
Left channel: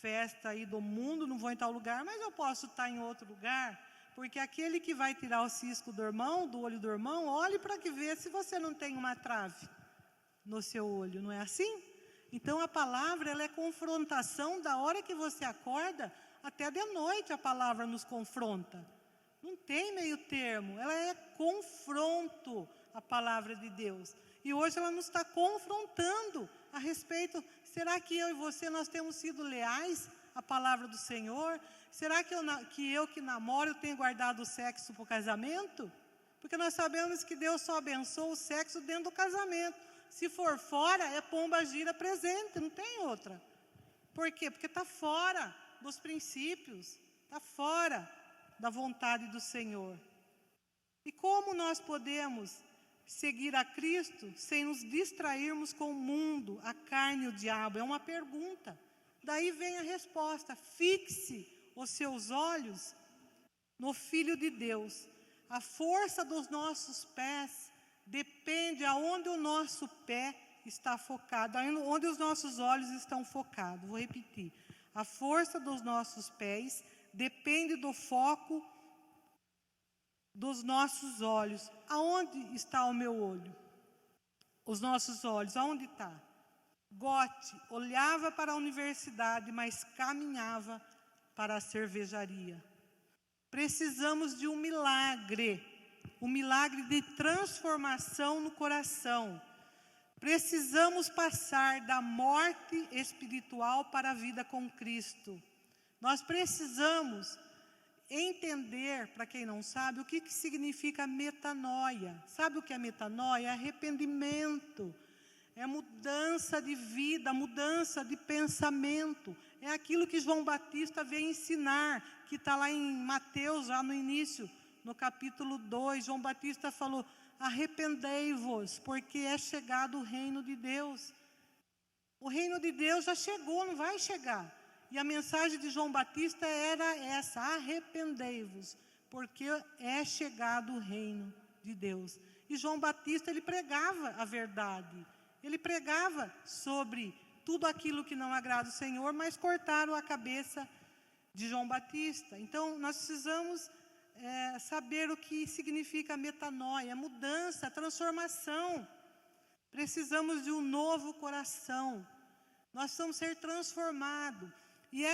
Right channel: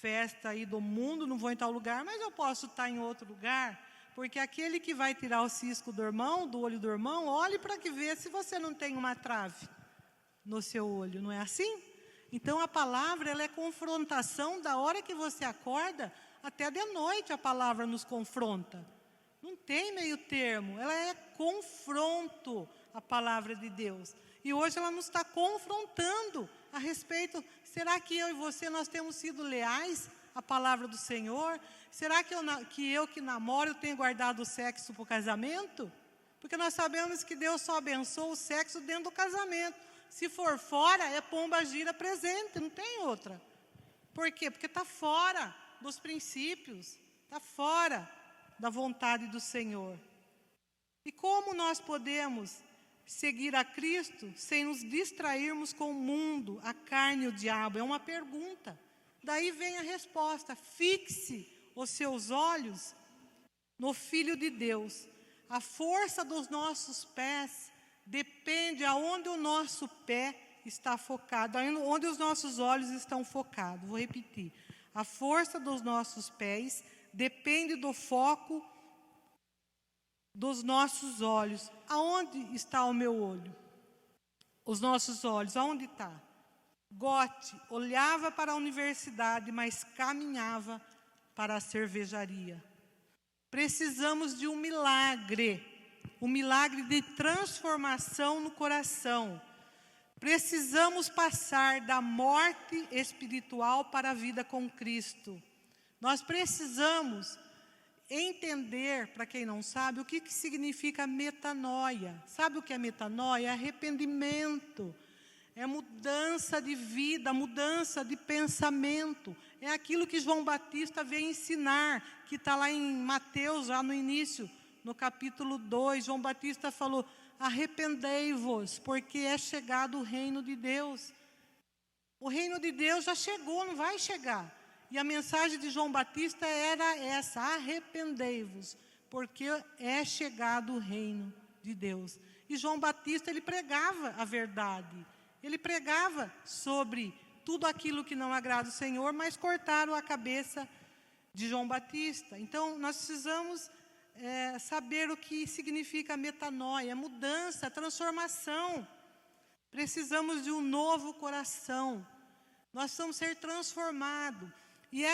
festa aí do mundo, não vou em tal lugar, mas eu posso estar em outro lugar, porque aquele que vai tirar o cisco do olho do irmão, olhe para que vê se você não tem uma trave no seu olho, não é assim? Então a palavra, ela é confrontação da hora que você acorda, até de noite a palavra nos confronta. Não tem meio termo, ela é confronto, a palavra de Deus. E hoje ela nos está confrontando a respeito, será que eu e você, nós temos sido leais à palavra do Senhor? Será que eu que namoro, eu tenho guardado o sexo para o casamento? Porque nós sabemos que Deus só abençoa o sexo dentro do casamento. Se for fora, é pomba gira presente, não tem outra. Por quê? Porque está fora dos princípios, está fora da vontade do Senhor. E como nós podemos seguir a Cristo sem nos distrairmos com o mundo, a carne e o diabo? É uma pergunta. Daí vem a resposta: fixe os seus olhos no Filho de Deus. A força dos nossos pés depende aonde o nosso pé está focado, onde os nossos olhos estão focados. Vou repetir. A força dos nossos pés depende do foco dos nossos olhos. Aonde está o meu olho? Os nossos olhos, aonde está? Goethe olhava para a universidade, mas caminhava para a cervejaria. Precisamos de um milagre de transformação no coração. Precisamos passar da morte espiritual para a vida com Cristo. Nós precisamos entender, para quem não sabe, o que significa metanoia. Sabe o que é metanoia? É arrependimento, é mudança de vida, mudança de pensamento. É aquilo que João Batista veio ensinar, que está lá em Mateus, já no início, no capítulo 2. João Batista falou: arrependei-vos, porque é chegado o reino de Deus. O reino de Deus já chegou, não vai chegar. E a mensagem de João Batista era essa: arrependei-vos, porque é chegado o reino de Deus. E João Batista, ele pregava a verdade. Ele pregava sobre tudo aquilo que não agrada o Senhor, mas cortaram a cabeça de João Batista. Então, nós precisamos saber o que significa metanoia, mudança, transformação. Precisamos de um novo coração. Nós precisamos ser transformados. E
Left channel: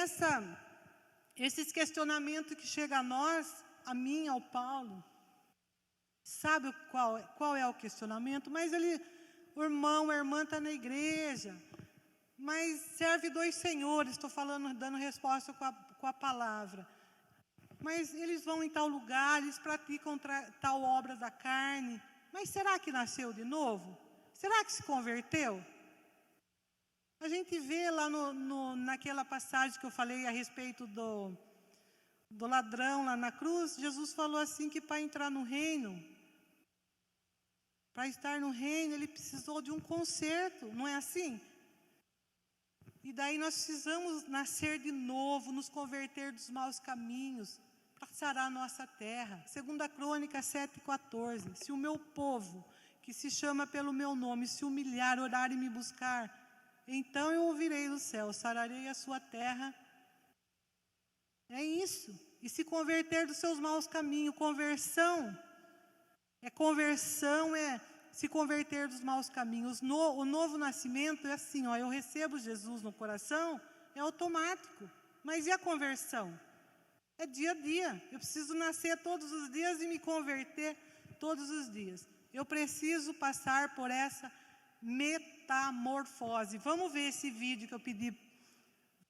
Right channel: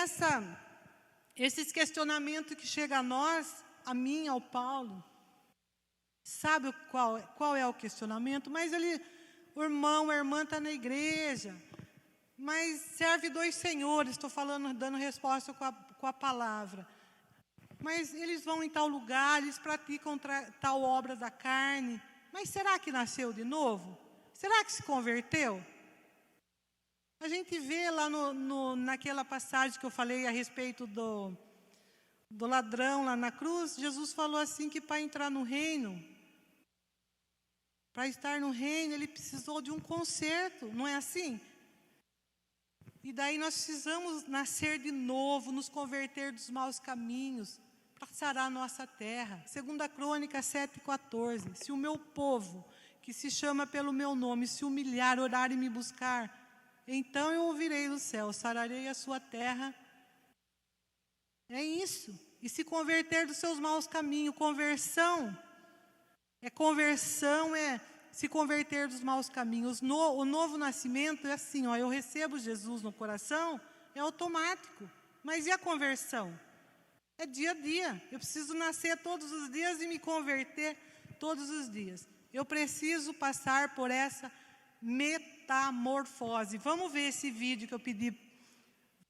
esses questionamentos que chegam a nós, a mim, ao Paulo, sabe qual é o questionamento? Mas o irmão, a irmã está na igreja, mas serve 2 senhores, estou falando, dando resposta com a palavra. Mas eles vão em tal lugar, eles praticam tal obra da carne. Mas será que nasceu de novo? Será que se converteu? A gente vê lá naquela passagem que eu falei a respeito do ladrão lá na cruz, Jesus falou assim que para entrar no reino, para estar no reino, ele precisou de um conserto, não é assim? E daí nós precisamos nascer de novo, nos converter dos maus caminhos, para sarar a nossa terra. 2 Crônicas 7,14. Se o meu povo, que se chama pelo meu nome, se humilhar, orar e me buscar, então eu ouvirei do céu, sararei a sua terra. É isso. E se converter dos seus maus caminhos. Conversão é se converter dos maus caminhos. O novo nascimento é assim, ó, eu recebo Jesus no coração, é automático. Mas e a conversão? É dia a dia. Eu preciso nascer todos os dias e me converter todos os dias. Eu preciso passar por essa metamorfose. Vamos ver esse vídeo que eu pedi.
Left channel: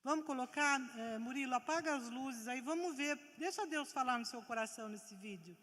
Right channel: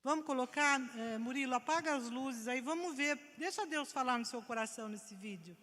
Vamos colocar, Murilo, apaga as luzes aí, vamos ver. Deixa Deus falar no seu coração nesse vídeo.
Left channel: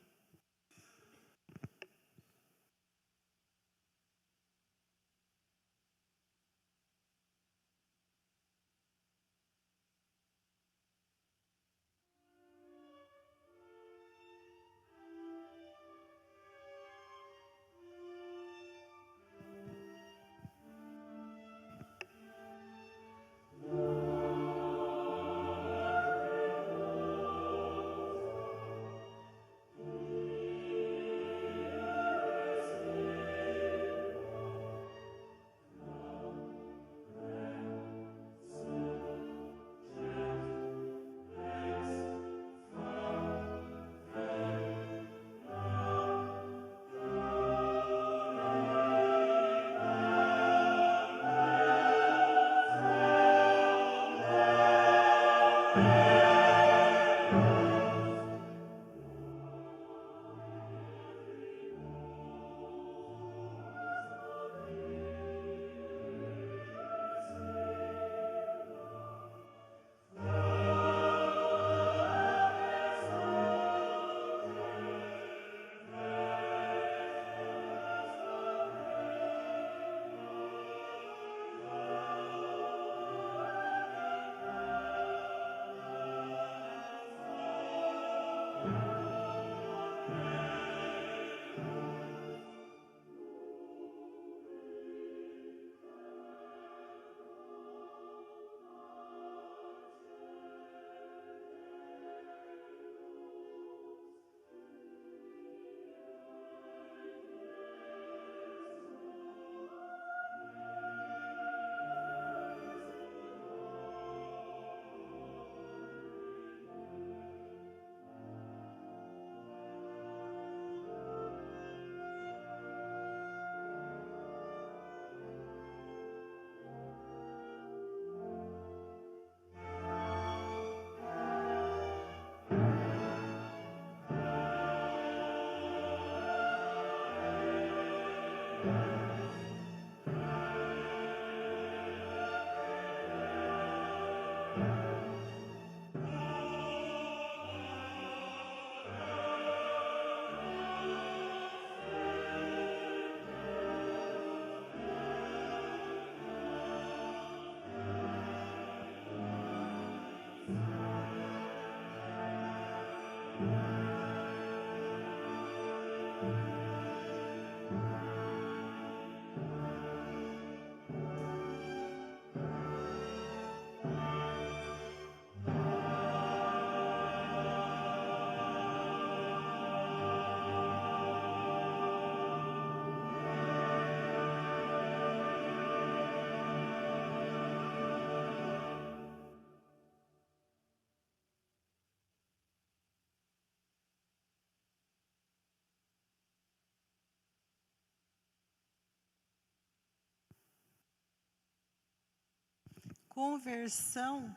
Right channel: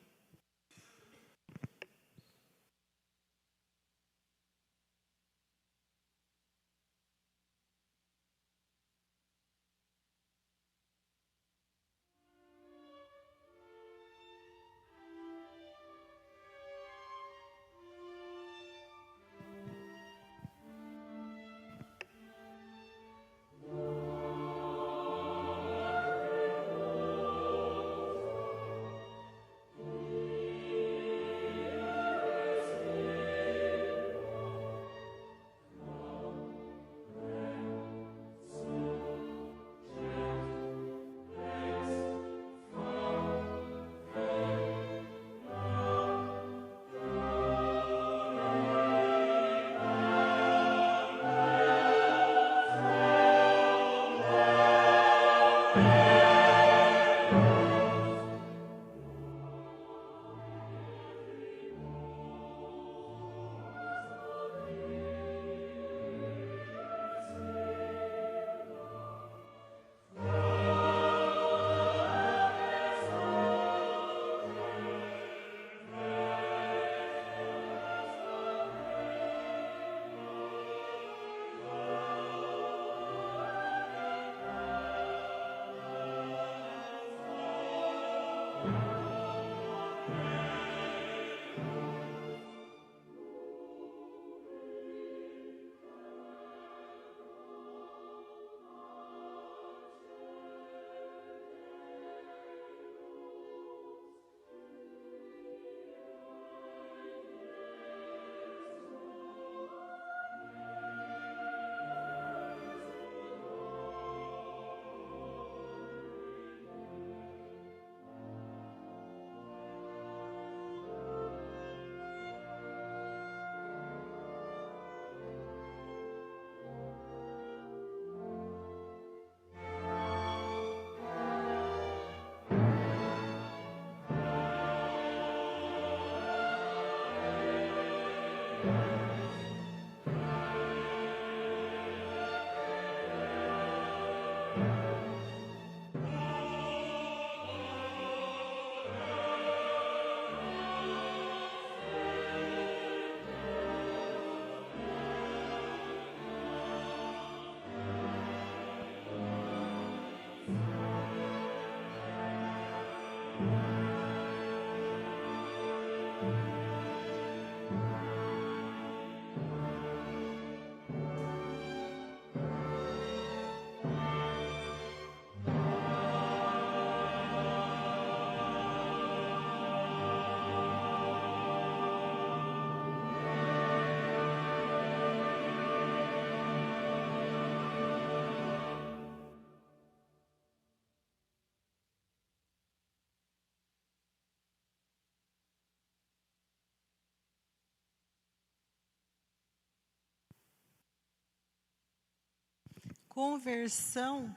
Conversão,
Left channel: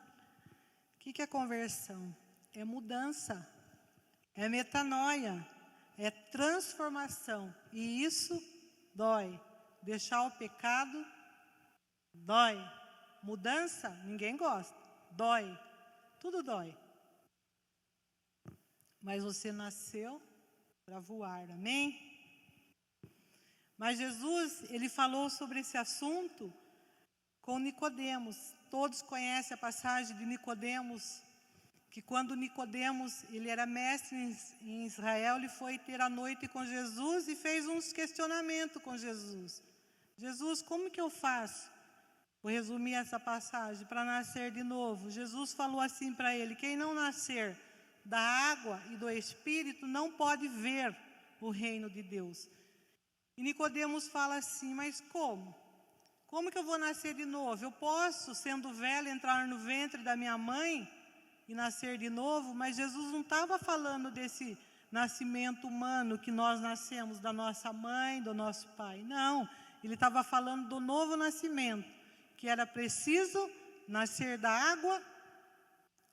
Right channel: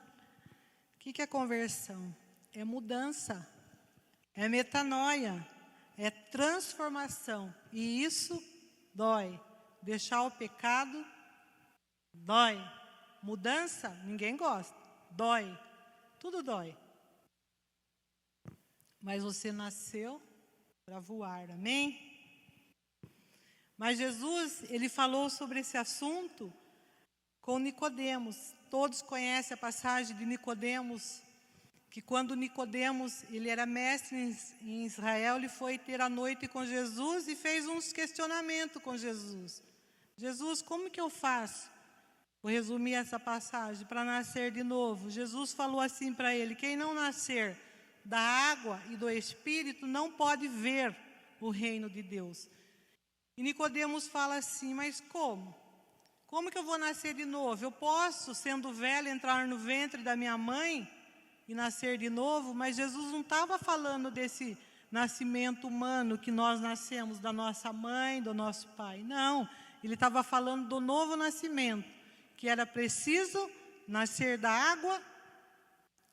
o que é conversão? É mudança, é metanoia, é transformação. E isso dói. Deixar o pecado dói. Mudança, ninguém gosta. Dói. Tudo dói. Mas você nasceu para voar, amém? Mas Jesus, ele falou sobre esse assunto com Nicodemos. Todos conhecem a passagem de Nicodemos, que quando Nicodemos, ele era mestre em Israel, ele foi ter a noite com Jesus e fez uns questionamentos com Jesus. Jesus, como que eu faço? Vou resumir essa passagem, para nascer de novo. Jesus falou assim para ele: quem não nascer da água e do Espírito não pode ver o reino de Deus. E Nicodemos fala assim: mas como? Como que eu vou nascer de novo? Eu posso, sendo velho, entrar no ventre da minha mãe e nascer de novo? Mas Jesus não estava falando desse nascimento humano que nós nascemos da nossa mãe, do nosso pai. Não, ele estava falando do novo nascimento, que era preciso nascer da água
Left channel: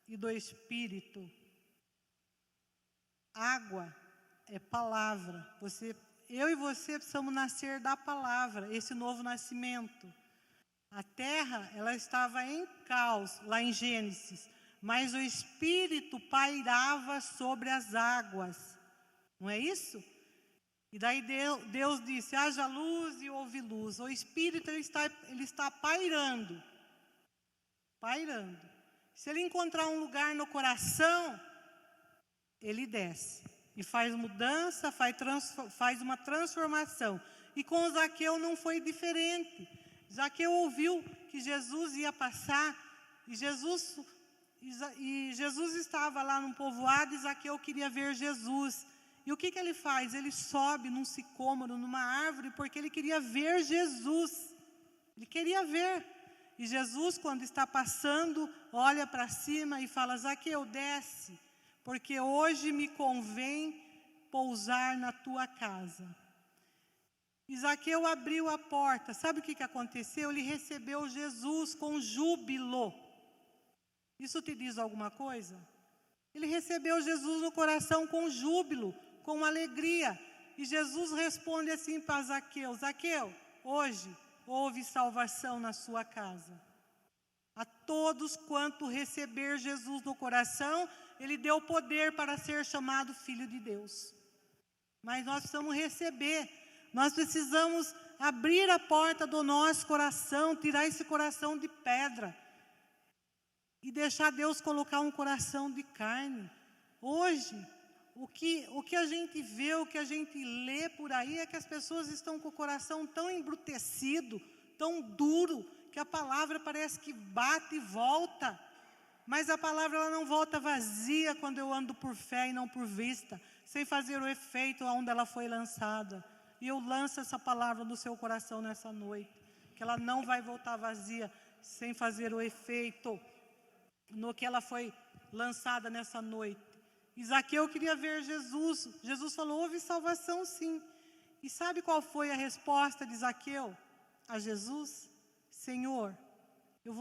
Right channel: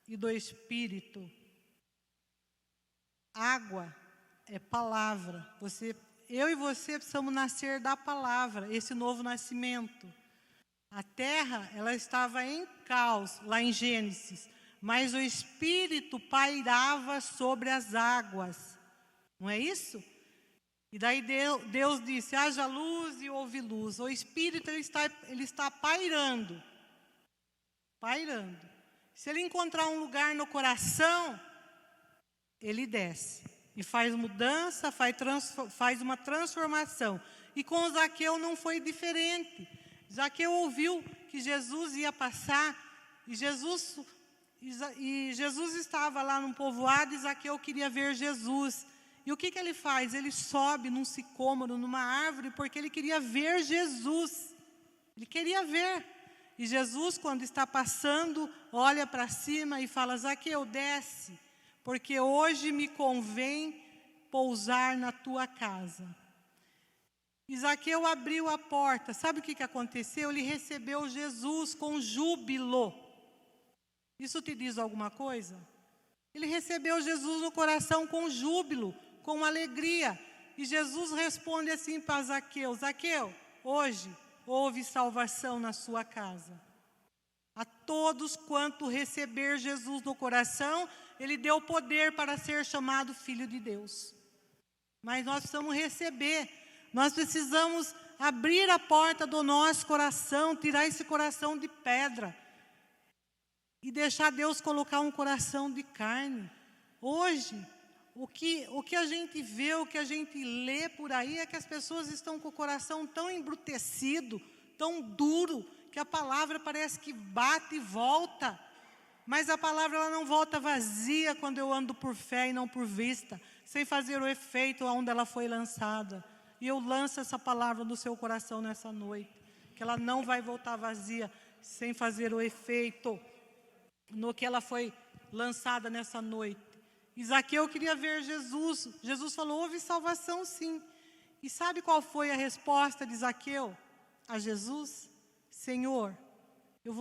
e do Espírito. Água é palavra. Eu e você precisamos nascer da palavra, esse novo nascimento. A terra, ela estava em caos, lá em Gênesis, mas o Espírito pairava sobre as águas. Não é isso? E daí Deus disse: haja luz e houve luz. O Espírito, ele está pairando. Pairando. Se ele encontrar um lugar no coração, ele desce e faz mudança, faz uma transformação. E com Zaqueu não foi diferente. Zaqueu ouviu que Jesus ia passar, e Jesus estava lá num povoado, e Zaqueu queria ver Jesus. E o que ele faz? Ele sobe num sicômoro, numa árvore, porque ele queria ver Jesus. Ele queria ver. E Jesus, quando está passando, olha para cima e fala: Zaqueu, desce, porque hoje me convém pousar na tua casa. E Zaqueu abriu a porta. Sabe o que aconteceu? Ele recebeu Jesus com júbilo. Isso te diz alguma coisa? Ele recebeu Jesus no coração com júbilo, com alegria. E Jesus responde assim para Zaqueu: Zaqueu, hoje houve salvação na sua casa. A todos quanto receber Jesus no coração, ele deu poder para ser chamado filho de Deus. Mas nós precisamos receber, nós precisamos abrir a porta do nosso coração, tirar esse coração de pedra e deixar Deus colocar um coração de carne. Hoje, o que a gente vê, o que a gente lê por aí é que as pessoas estão com o coração tão embrutecido, tão duro, que a palavra parece que bate e volta. Mas a palavra, ela não volta vazia quando eu ando por fé e não por vista, sem fazer o efeito onde ela foi lançada. E eu lanço essa palavra no seu coração nessa noite, que ela não vai voltar vazia, sem fazer o efeito no que ela foi lançada nessa noite. E Zaqueu queria ver Jesus. Jesus falou: houve salvação sim. E sabe qual foi a resposta de Zaqueu a Jesus? Senhor, eu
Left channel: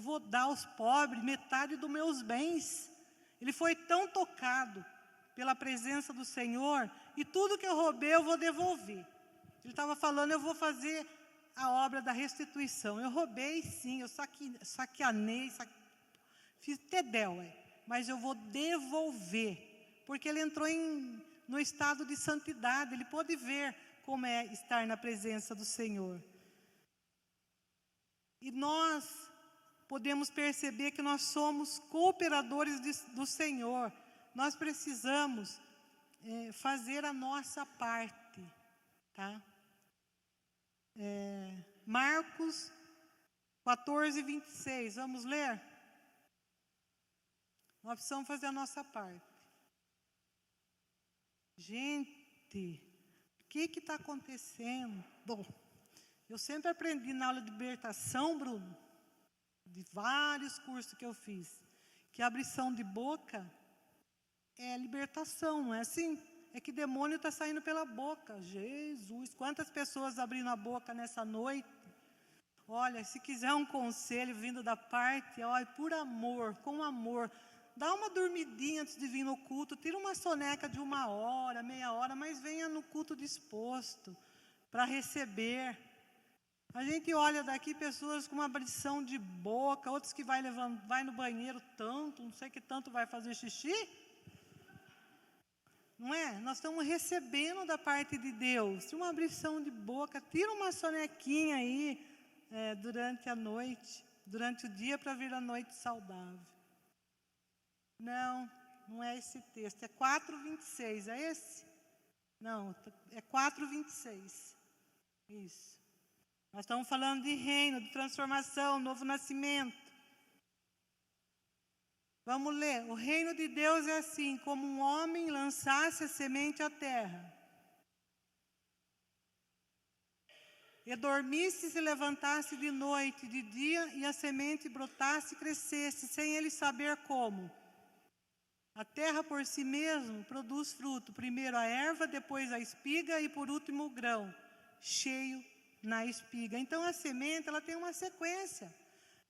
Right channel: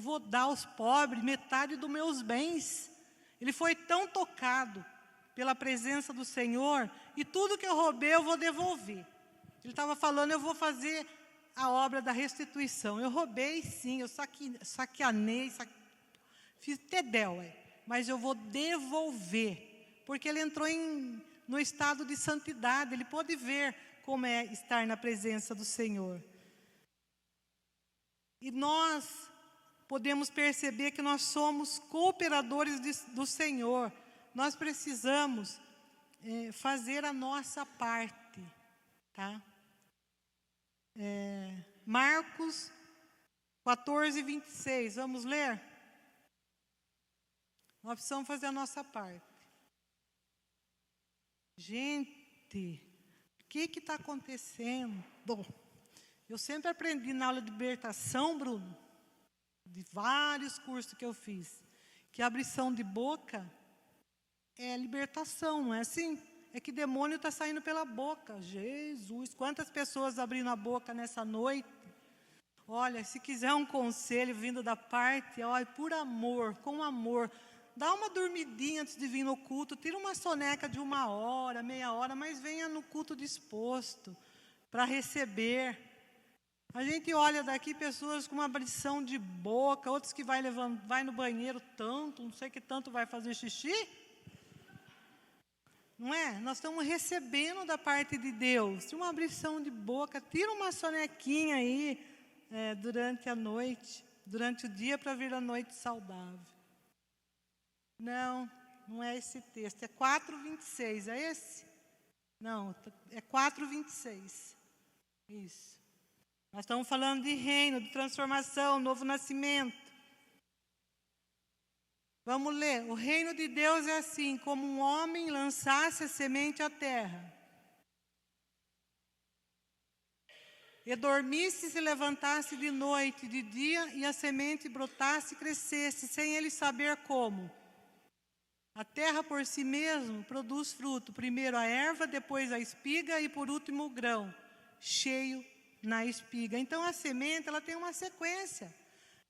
vou dar aos pobres metade dos meus bens. Ele foi tão tocado pela presença do Senhor, e tudo que eu roubei eu vou devolver. Ele estava falando: eu vou fazer a obra da restituição. Eu roubei sim, eu saqueanei, fiz tedéu, mas eu vou devolver, porque ele entrou no estado de santidade, ele pôde ver como é estar na presença do Senhor. E nós podemos perceber que nós somos cooperadores do Senhor. Nós precisamos fazer a nossa parte, tá? Marcos 14, 26, vamos ler? Nós precisamos fazer a nossa parte. Gente, o que está acontecendo? Bom, eu sempre aprendi na aula de libertação, Bruno, de vários cursos que eu fiz, que a abrição de boca é libertação, não é assim? É que demônio está saindo pela boca. Jesus, quantas pessoas abrindo a boca nessa noite? Olha, se quiser um conselho vindo da parte, olha, por amor, com amor, dá uma dormidinha antes de vir no culto, tira uma soneca de 1 hora, meia hora, mas venha no culto disposto para receber. A gente olha daqui pessoas com uma abrição de boca, outros que vai no banheiro tanto, não sei que tanto vai fazer xixi. Não é? Nós estamos recebendo da parte de Deus, uma abrição de boca, tira uma sonequinha aí, durante a noite, durante o dia para vir a noite saudável. Não é esse texto, é 4:26, é esse? Não, é 4:26. Isso. Nós estamos falando de reino, de transformação, novo nascimento. Vamos ler. O reino de Deus é assim, como um homem lançasse a semente à terra, e dormisse e se levantasse de noite, de dia, e a semente brotasse e crescesse, sem ele saber como. A terra por si mesmo produz fruto, primeiro a erva, depois a espiga e por último o grão, cheio na espiga. Então a semente, ela tem uma sequência.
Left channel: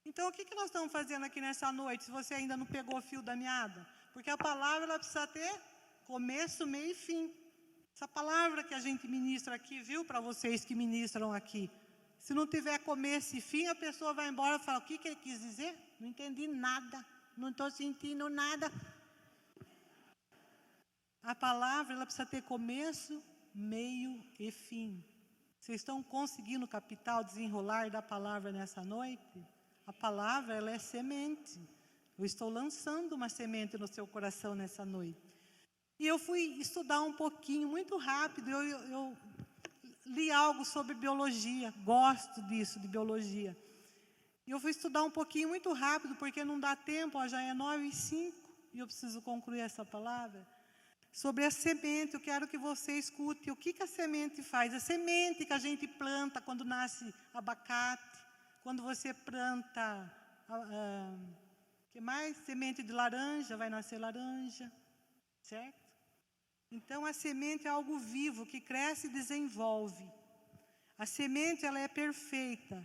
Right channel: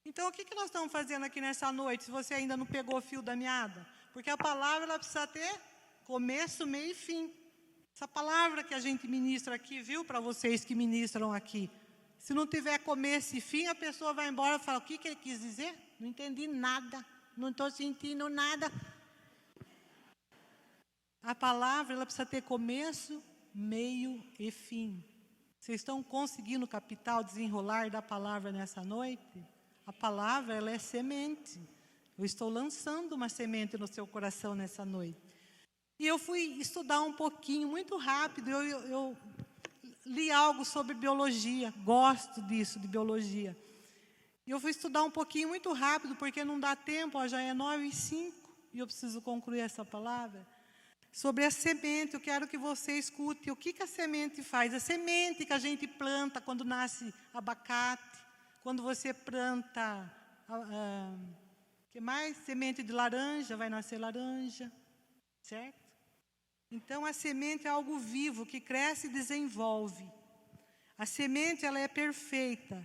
Então o que nós estamos fazendo aqui nessa noite, se você ainda não pegou o fio da meada? Porque a palavra, ela precisa ter começo, meio e fim. Essa palavra que a gente ministra aqui, viu, para vocês que ministram aqui, se não tiver começo e fim, a pessoa vai embora e fala, o que ele quis dizer? Não entendi nada, não estou sentindo nada. A palavra, ela precisa ter começo, meio e fim. Vocês estão conseguindo captar o desenrolar da palavra nessa noite? A palavra, ela é semente. Eu estou lançando uma semente no seu coração nessa noite. E eu fui estudar um pouquinho, muito rápido, eu li algo sobre biologia, gosto disso, de biologia. E eu fui estudar um pouquinho, muito rápido, porque não dá tempo, já é 9:05, e eu preciso concluir essa palavra. Sobre a semente, eu quero que você escute o que a semente faz. A semente que a gente planta quando nasce abacate, quando você planta, que mais? Semente de laranja, vai nascer laranja, certo? Então a semente é algo vivo, que cresce e desenvolve. A semente, ela é perfeita,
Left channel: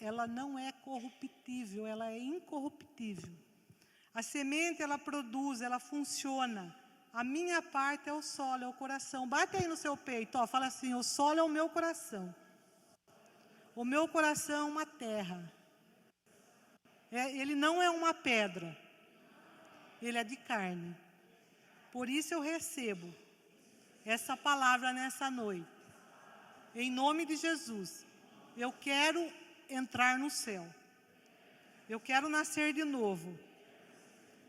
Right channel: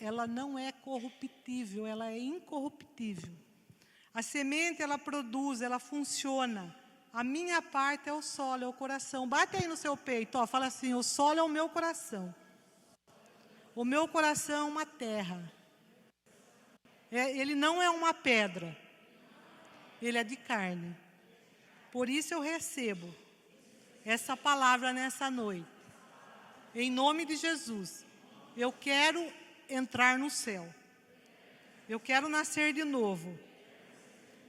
ela não é corruptível, ela é incorruptível. A semente, ela produz, ela funciona. A minha parte é o solo, é o coração. Bate aí no seu peito, ó, fala assim, o solo é o meu coração. O meu coração é uma terra. Ele não é uma pedra. Ele é de carne. Por isso eu recebo essa palavra nessa noite. Em nome de Jesus. Eu quero entrar no céu. Eu quero nascer de novo.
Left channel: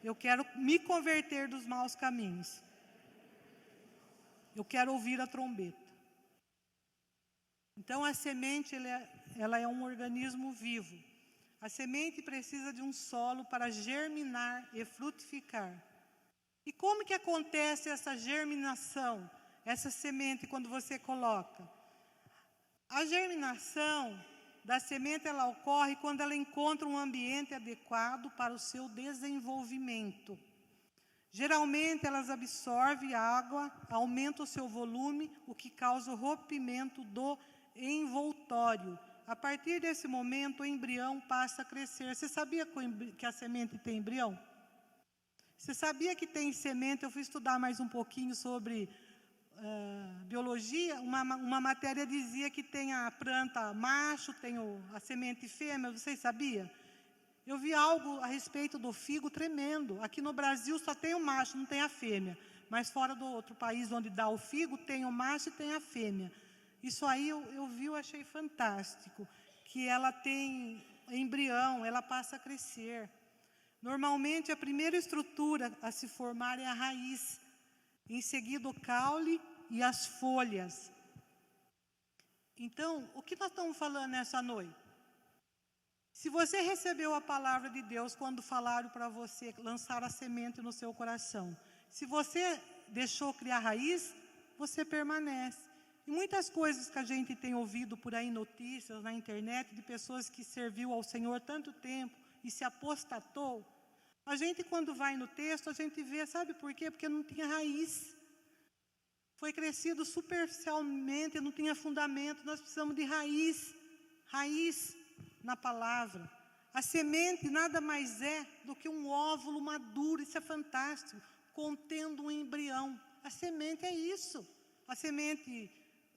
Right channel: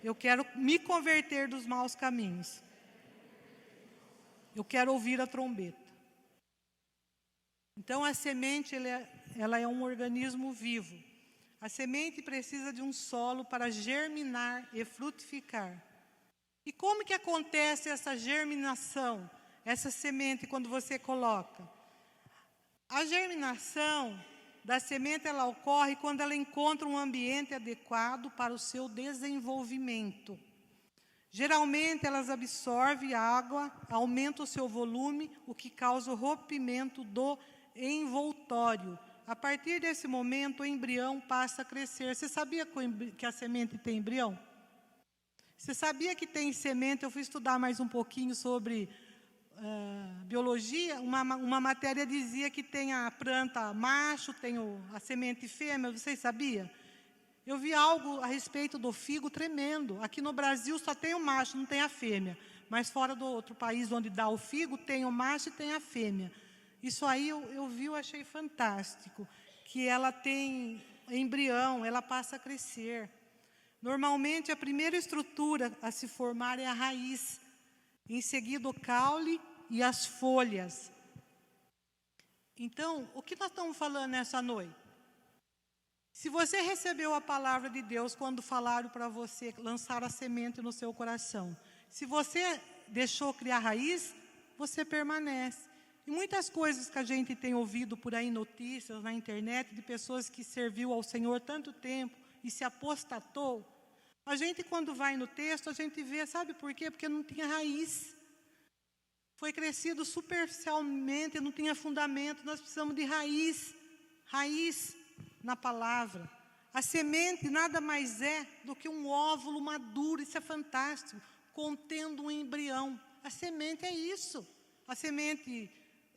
Eu quero me converter dos maus caminhos. Eu quero ouvir a trombeta. Então a semente, ela é um organismo vivo. A semente precisa de um solo para germinar e frutificar. E como que acontece essa germinação, essa semente quando você coloca? A germinação da semente, ela ocorre quando ela encontra um ambiente adequado para o seu desenvolvimento. Geralmente, elas absorvem água, aumentam o seu volume, o que causa o rompimento do envoltório. A partir desse momento, o embrião passa a crescer. Você sabia que a semente tem embrião? Você sabia que tem semente? Eu fui estudar mais um pouquinho sobre biologia. Uma matéria dizia que tem a planta macho, tem a semente fêmea. Vocês sabiam? Eu vi algo a respeito do figo tremendo. Aqui no Brasil só tem o macho, não tem a fêmea. Mas fora do outro país onde dá o figo, tem o macho e tem a fêmea. Isso aí eu vi, eu achei fantástico. Que ela tem embrião, ela passa a crescer. Normalmente, a primeira estrutura a se formar é a raiz. Em seguida, o caule e as folhas. Então, o que nós estamos falando nessa noite? Se você recebeu a palavra de Deus quando falaram para você lançar a semente no seu coração, se você deixou criar raiz, você permanece. E muitas coisas que a gente tem ouvido por aí, notícias na internet, de pessoas que serviu ao Senhor tanto tempo e se apostatou, a gente quando vai no texto, a gente vê, sabe por quê? Porque não tinha raiz. Foi crescido superficialmente, não tinha fundamento, nós precisamos de raiz. Raiz na palavra. A semente nada mais é do que um óvulo maduro, isso é fantástico, contendo um embrião. A semente é isso. A semente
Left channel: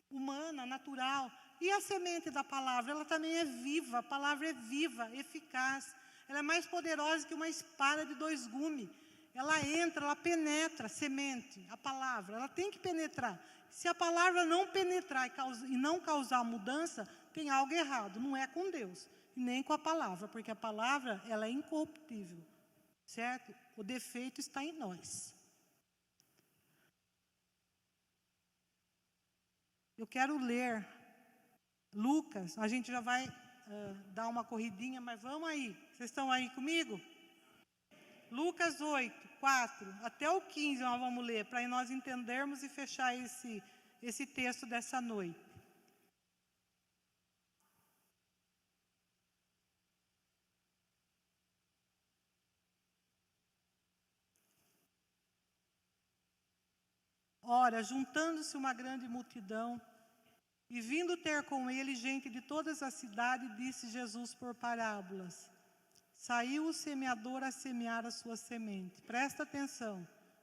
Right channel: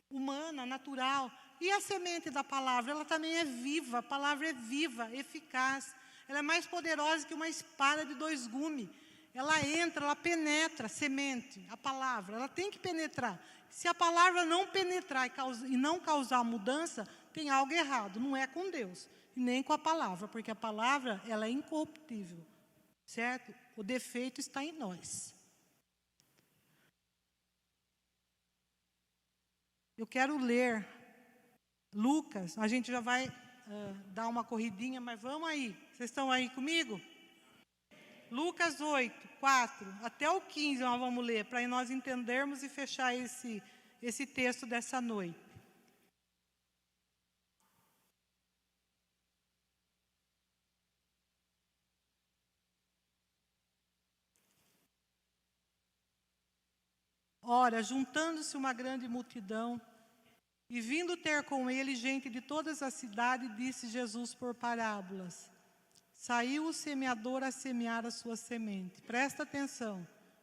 humana, natural. E a semente da palavra, ela também é viva. A palavra é viva, eficaz. Ela é mais poderosa que uma espada de 2 gumes. Ela entra, ela penetra a semente, a palavra. Ela tem que penetrar. Se a palavra não penetrar e não causar mudança, tem algo errado. Não é com Deus, nem com a palavra, porque a palavra, ela é incorruptível, certo? O defeito está em nós. Eu quero ler Lucas, a gente já vai dar uma corridinha, mas vamos aí. Vocês estão aí comigo? Lucas 8, 4 até o 15 nós vamos ler, para nós entendermos e fechar esse texto dessa noite. Ora, juntando-se uma grande multidão, e vindo ter com ele gente de todas as cidades, disse Jesus por parábolas: saiu o semeador a semear a sua semente. Presta atenção,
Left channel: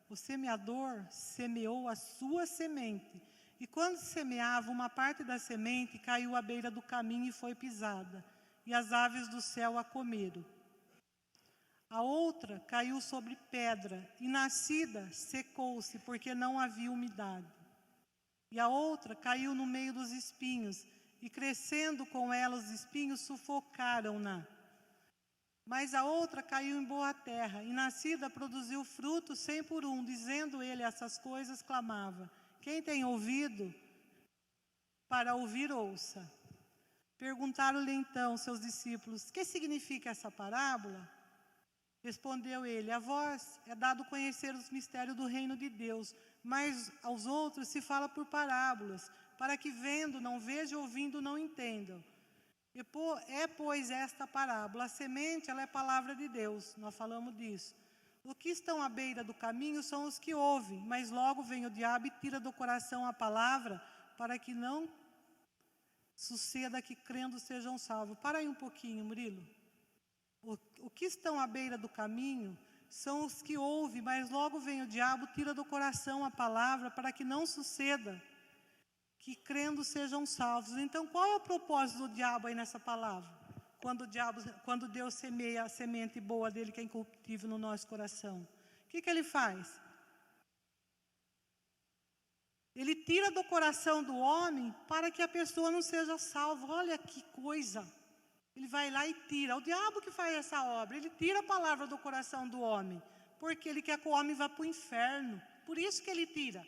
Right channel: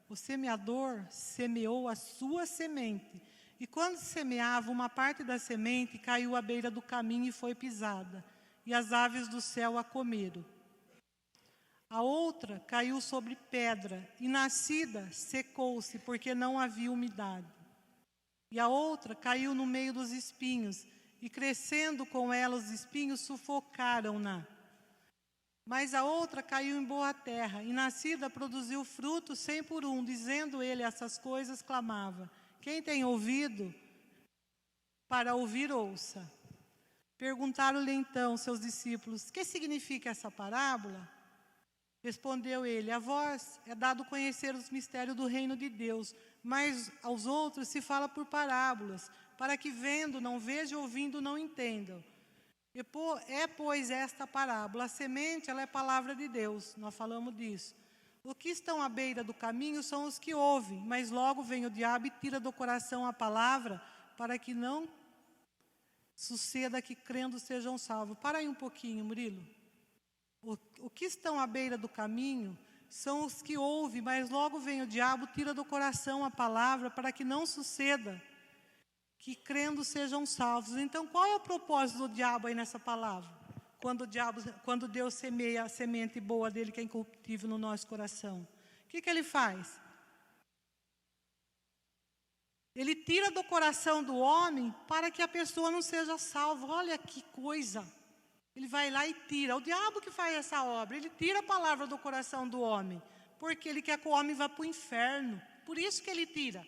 o semeador semeou a sua semente, e quando semeava, uma parte da semente caiu à beira do caminho e foi pisada, e as aves do céu a comeram. A outra caiu sobre pedra, e nascida secou-se, porque não havia umidade. E a outra caiu no meio dos espinhos, e crescendo com ela os espinhos, sufocaram-na. Mas a outra caiu em boa terra, e nascida produziu fruto 100 por 1. Dizendo ele essas coisas, clamava: quem tem ouvido para ouvir, ouça. Perguntaram-lhe então seus discípulos: que significa essa parábola? Respondeu ele: a vós é dado conhecer os mistérios do reino de Deus, mas aos outros se fala por parábolas, para que vendo não vejam, ouvindo não entendam. Pois, esta parábola: a semente, ela é palavra de Deus, nós falamos disso. O que estão à beira do caminho são os que ouvem, mas logo vem o diabo e tira do coração a palavra, para que não suceda que crendo sejam salvos. Para aí um pouquinho, Murilo. O que estão à beira do caminho são os que ouvem, mas logo vem o diabo, tira do coração a palavra, para que não suceda que crendo sejam salvos. Então, qual é o propósito do diabo aí nessa palavra? Quando Deus semeia a semente boa dele, que é incorruptível, no nosso coração, o que ele faz? Ele tira do coração do homem para que a pessoa não seja salva. Olha que coisa! Ele vai lá e tira. O diabo que faz essa obra, ele tira a palavra do coração do homem, porque ele quer que o homem vá para o inferno. Por isso que ele tira.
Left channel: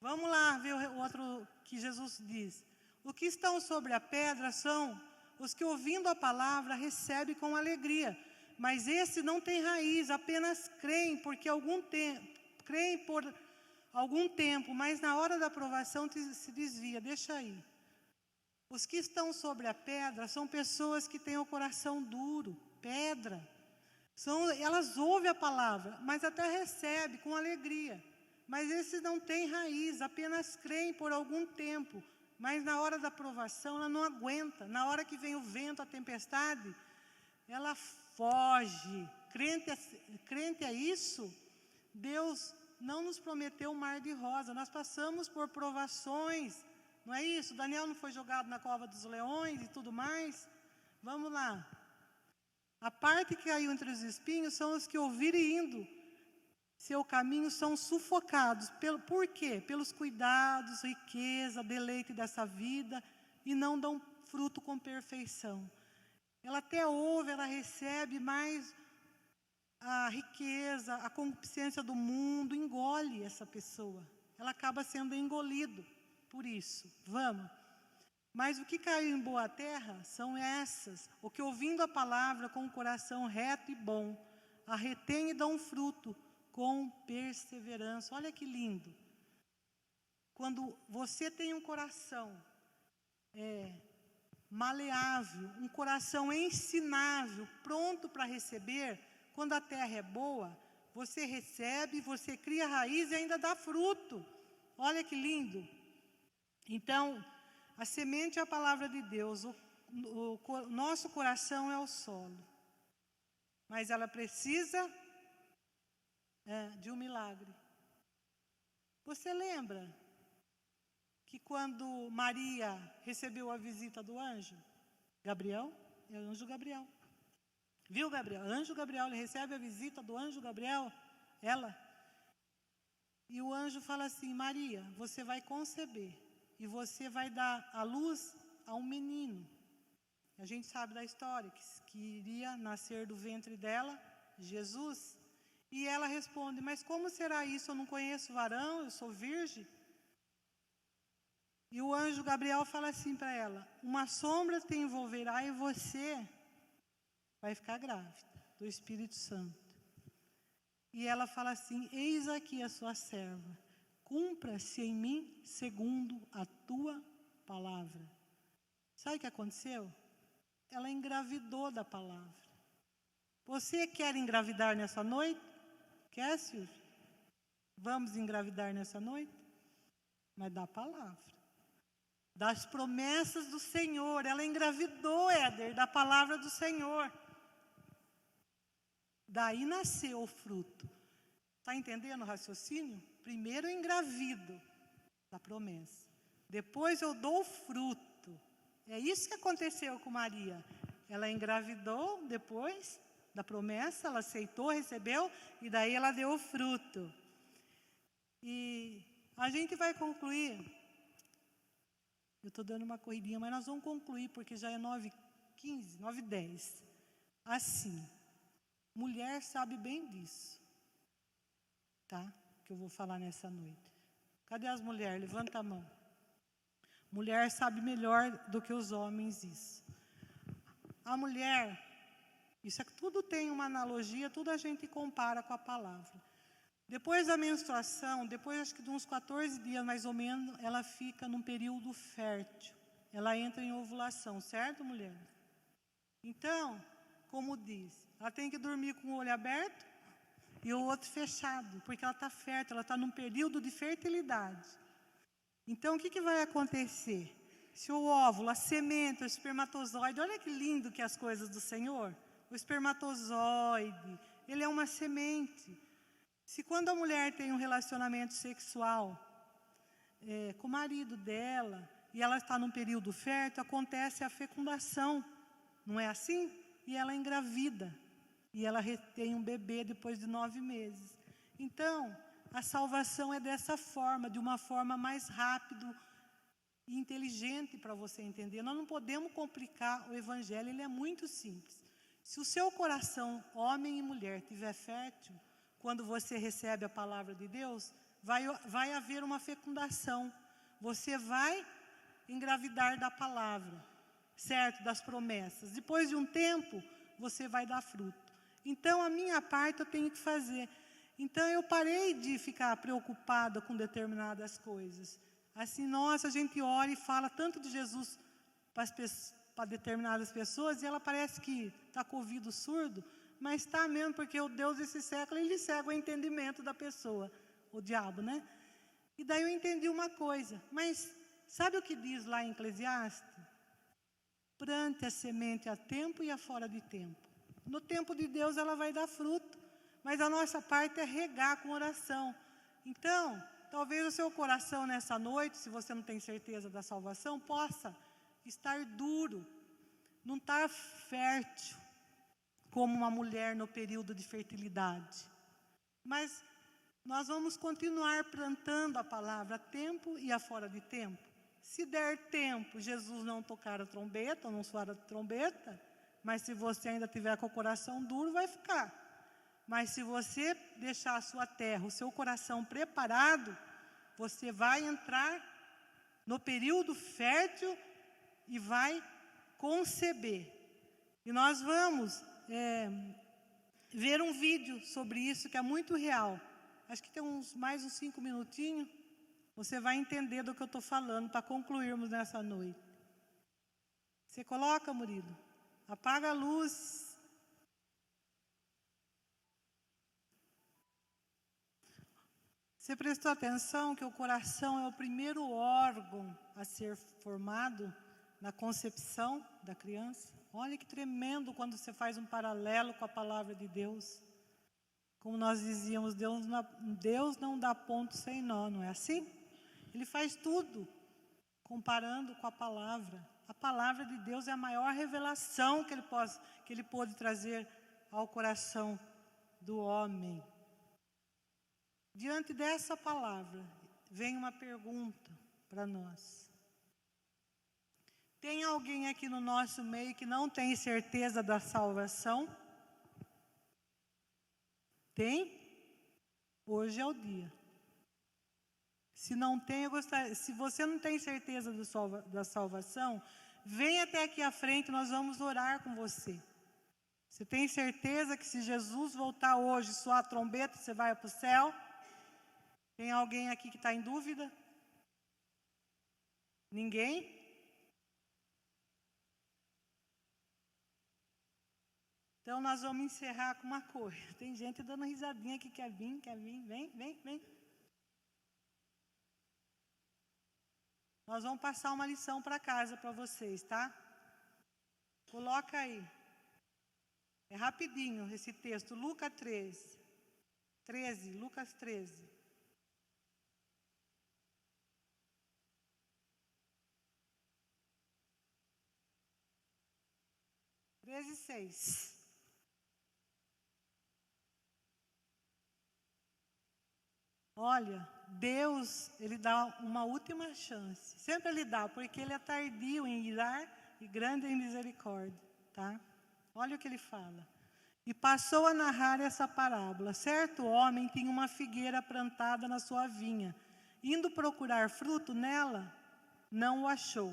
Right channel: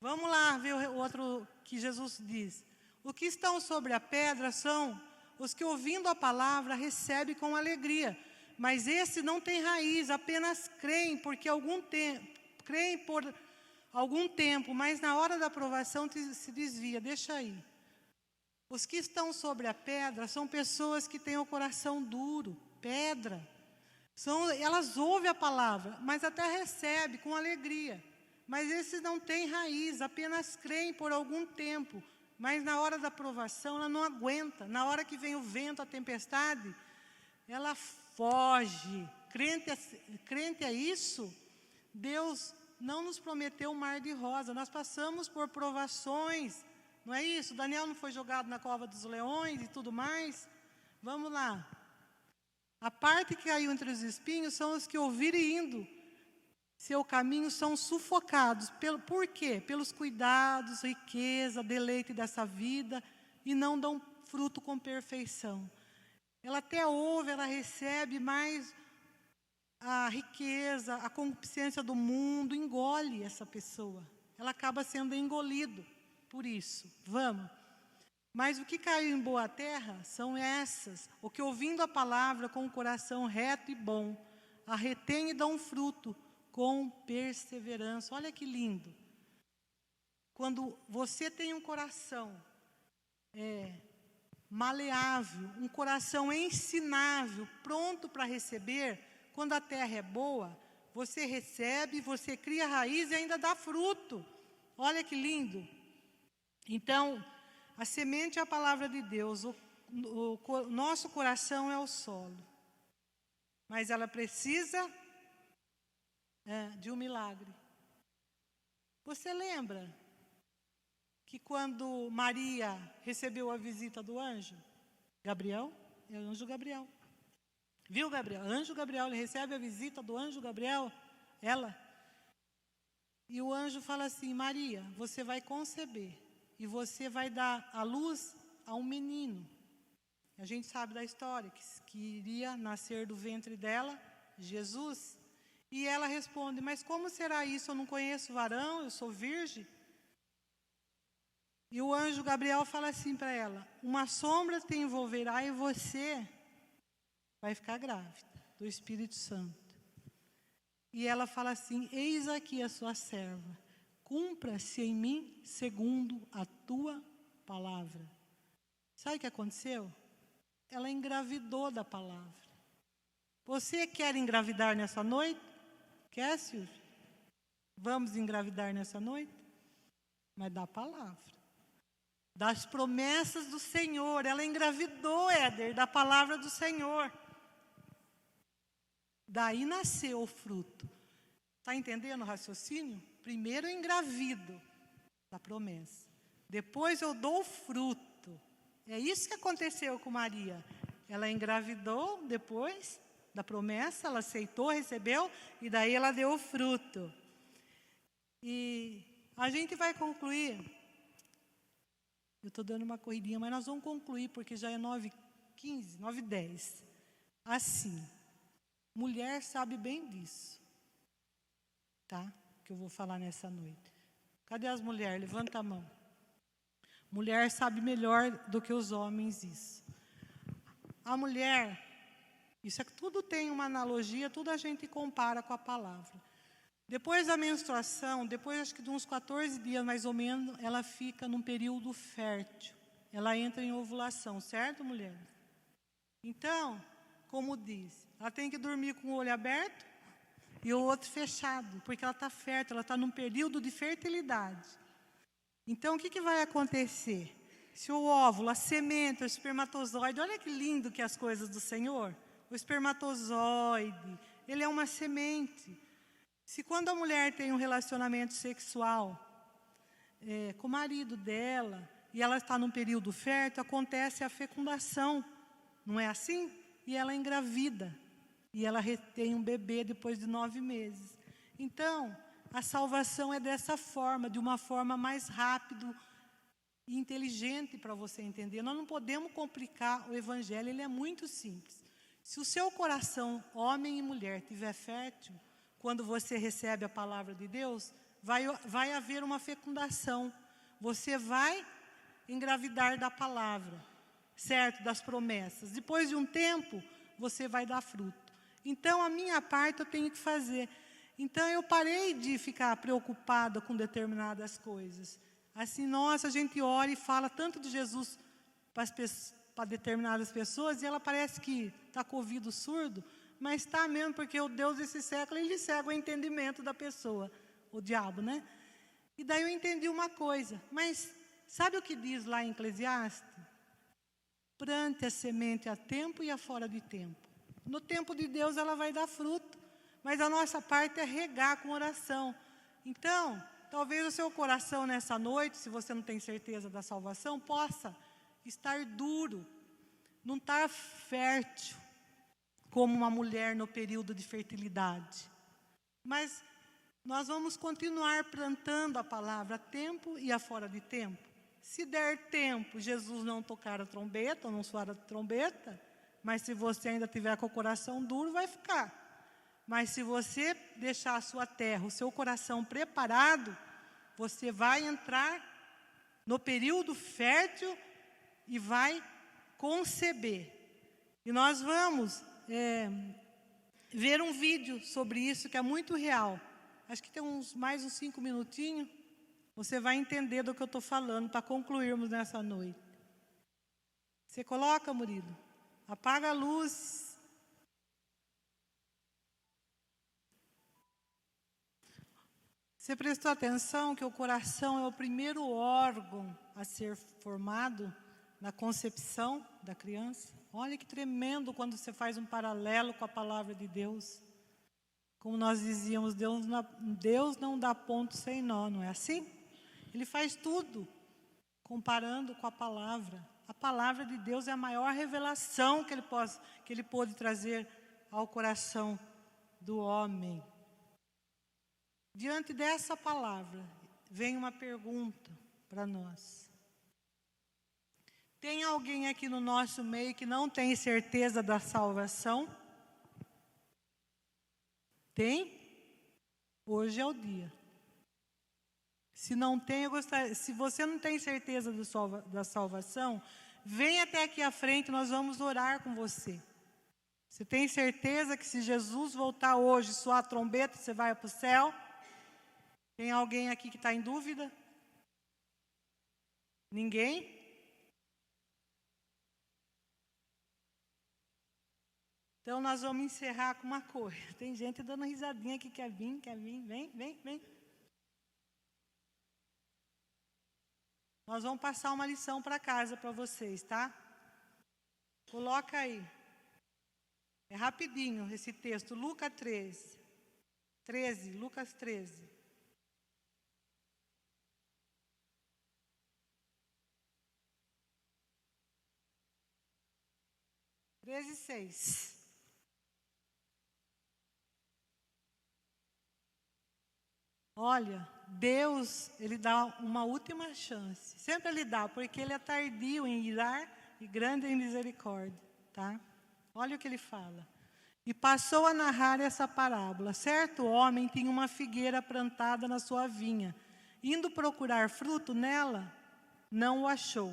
Vamos lá ver o outro que Jesus diz. O que estão sobre a pedra são os que, ouvindo a palavra, recebem com alegria. Mas esse não tem raiz, apenas creem por algum tempo, mas na hora da aprovação se desvia. Deixa aí. Os que estão sobre a pedra são pessoas que têm o coração duro, pedra. Elas ouvem a palavra, mas até recebem com alegria. Mas esses não têm raiz, apenas creem por algum tempo. Mas na hora da aprovação, ela não aguenta. Na hora que vem o vento, a tempestade, ela foge. Crente é isso? Deus não nos prometeu um mar de rosa. Nós passamos por provações. Não é isso? Daniel não foi jogado na cova dos leões e tudo mais? Vamos lá. A parte que caiu entre os espinhos são os que ouvirem indo. Seu caminho são sufocados. Por quê? Pelos cuidados, riqueza, deleite dessa vida, e não dão fruto com perfeição. Ela até ouve, ela recebe, mas a riqueza, a concupiscência do mundo engole essa pessoa. Ela acaba sendo engolido por isso. Vamos. Mas o que caiu em boa terra são essas, o que ouvindo a palavra com o coração reto e bom, a retém e dão fruto com perseverança. Olha que lindo. Quando você tem um coração maleável, um coração ensinável, pronto para receber, quando a terra é boa, você recebe, você cria raiz e ainda dá fruto. Olha que lindo. Então, a semente é a palavra de Deus, o nosso coração é o solo, mas ela precisa de um milagre. Você lembra que quando Maria recebeu a visita do anjo Gabriel, é o anjo Gabriel, viu Gabriel? Anjo Gabriel, ele recebe a visita do anjo Gabriel, E o anjo fala assim: Maria, você vai conceber e você vai dar à luz a um menino. A gente sabe da história, que iria nascer do ventre dela Jesus. E ela responde: mas como será isso? Eu não conheço varão, eu sou virgem. E o anjo Gabriel fala assim para ela: uma sombra te envolverá e você vai ficar grávida do Espírito Santo. E ela fala assim: eis aqui a sua serva, cumpra-se em mim segundo a tua palavra. Sabe o que aconteceu? Ela engravidou da palavra. Você quer engravidar nessa noite? Quer, Silvio? Vamos engravidar nessa noite? Mas da palavra, das promessas do Senhor. Ela engravidou, Éder, da palavra do Senhor. Daí nasceu o fruto. Está entendendo o raciocínio? Primeiro eu engravido da promessa. Depois eu dou o fruto. É isso que aconteceu com Maria. Ela engravidou depois da promessa, ela aceitou, recebeu, e daí ela deu o fruto. E a gente vai concluir. Eu estou dando uma corridinha, mas nós vamos concluir, porque já é 9h15, 9h10. Assim, mulher sabe bem disso, tá? Que eu vou falar nessa noite. Cadê as mulheres? Levanta a mão. Mulher sabe melhor do que os homens isso. A mulher, isso é que tudo tem uma analogia, tudo a gente compara com a palavra. Depois da menstruação, depois acho que de uns 14 dias mais ou menos, ela fica num período fértil. Ela entra em ovulação, certo, mulher? Então, como diz, ela tem que dormir com o olho aberto e o outro fechado, porque ela está fértil, ela está num período de fertilidade. Então, o que vai acontecer? Se o óvulo, a semente, o espermatozoide, olha que lindo que é as coisas do Senhor. O espermatozoide, ele é uma semente. Se quando a mulher tem um relacionamento sexual com o marido dela, e ela está num período fértil, acontece a fecundação, não é assim? E ela engravida, e ela retém um bebê depois de 9 meses. Então, a salvação é dessa forma, de uma forma mais rápida e inteligente para você entender. Nós não podemos complicar o Evangelho, ele é muito simples. Se o seu coração, homem e mulher, estiver fértil, quando você recebe a palavra de Deus, vai haver uma fecundação. Você vai engravidar da palavra, certo? Das promessas. Depois de um tempo, você vai dar fruto. Então, a minha parte eu tenho que fazer. Então, eu parei de ficar preocupada com determinadas coisas. Assim, nossa, a gente ora e fala tanto de Jesus para determinadas pessoas, e ela parece que está com o ouvido surdo, mas está mesmo, porque o Deus desse século, ele cega o entendimento da pessoa, o diabo, né? E daí eu entendi uma coisa, mas sabe o que diz lá em Eclesiastes? Plante a semente a tempo e a fora de tempo. No tempo de Deus ela vai dar fruto, mas a nossa parte é regar com oração. Então, talvez o seu coração nessa noite, se você não tem certeza da salvação, possa estar duro, não estar fértil, como uma mulher no período de fertilidade. Mas nós vamos continuar plantando a palavra a tempo e a fora de tempo. Se der tempo, Jesus não tocar a trombeta, ou não soar a trombeta, mas se você ainda tiver com o coração duro, vai ficar. Mas se você deixar a sua terra, o seu coração preparado, você vai entrar no período fértil e vai conceber. E nós vamos ver um vídeo sobre isso que é muito real. Acho que tem mais uns 5 minutinhos. Você vai entender do que eu estou falando para concluirmos nessa noite. Você coloca, Murilo? Apaga a luz. Você prestou atenção que o coração é o primeiro órgão a ser formado na concepção da criança? Olha que tremendo quando você faz um paralelo com a palavra de Deus. Como nós dizíamos, Deus não dá ponto sem nó, não é assim? Ele faz tudo comparando com a palavra. A palavra de Deus é a maior revelação que ele pôde trazer ao coração do homem. diante dessa palavra, vem uma pergunta para nós. Tem alguém aqui no nosso meio que não tem certeza da salvação? Tem? Hoje é o dia. Se não tem, se você não tem certeza da salvação, vem até aqui à frente, nós vamos orar com você. Você tem certeza que se Jesus voltar hoje, soar a trombeta, você vai para o céu? Tem alguém aqui que está em dúvida? Ninguém? Então nós vamos encerrar com uma coisa. Tem gente dando risadinha que quer vir, vem. Nós vamos passar uma lição para casa para vocês, tá? Coloca aí. É rapidinho esse texto, Lucas 13, Lucas 13. Treze, 6. Olha, Deus, Ele dá uma última chance. Sempre Ele dá, porque Ele é tardio em irar e grande em misericórdia, tá? Olha o que Ele fala. E passou a narrar essa parábola. Certo homem tinha uma figueira plantada na sua vinha. Indo procurar fruto nela, não o achou.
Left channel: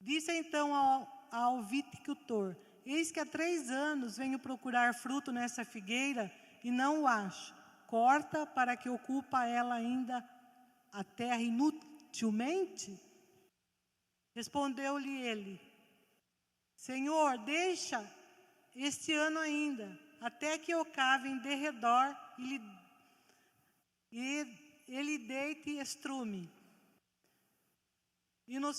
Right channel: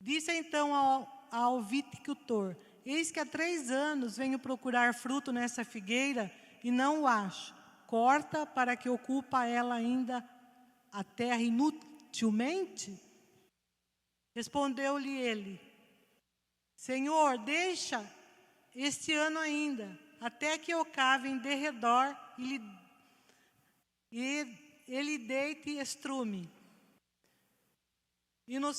Disse então ao viticultor: eis que há 3 anos venho procurar fruto nessa figueira e não o acho. Corta para que ocupa ela ainda a terra inutilmente? Respondeu-lhe ele: Senhor, deixa este ano ainda, até que eu cave em derredor e ele deite estrume. E no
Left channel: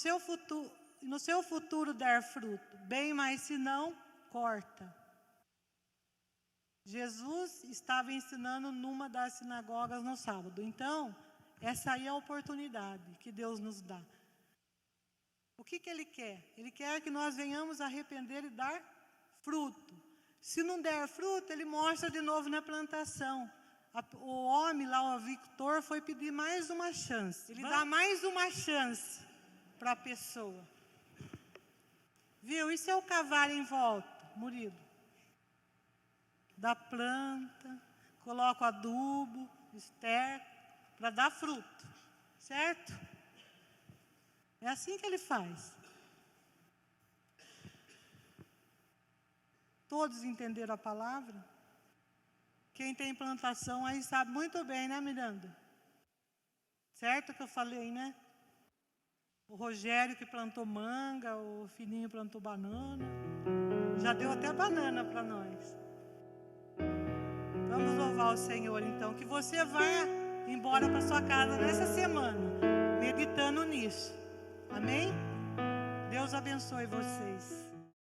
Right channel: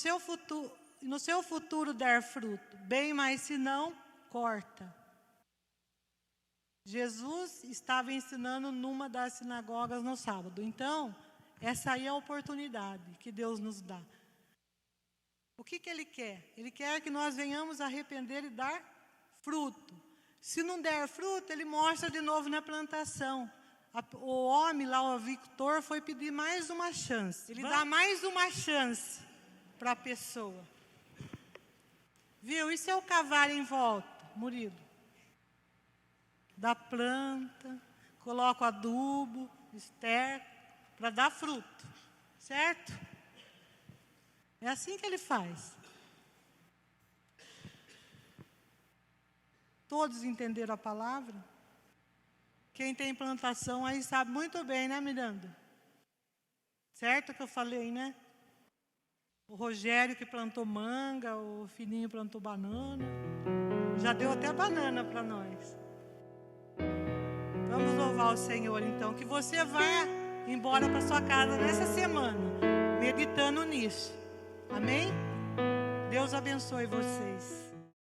seu futuro der fruto, bem, mas se não, corta. Jesus estava ensinando numa das sinagogas no sábado. Então, essa aí é a oportunidade que Deus nos dá. O que Ele quer? Ele quer que nós venhamos arrepender e dar fruto. Se não der fruto, Ele mostra de novo na plantação. O homem lá, o Victor, foi pedir mais uma chance. Ele dá mais uma chance para a pessoa. Viu? E se eu cavar em volta, Murilo? Da planta, coloco adubo, esterco, para dar fruto, certo? É assim que Ele faz. Todos entenderam a palavra? Quem tem plantação aí sabe muito bem, né, Miranda? Certo que eu falei, né? O Rogério que plantou manga, o Fininho plantou banana. Já deu até banana para nós. Vamos louvar o Senhor, então. Que você vá embora para sua casa nessa semana, meditando nisso. Amém? Deus abençoe vocês.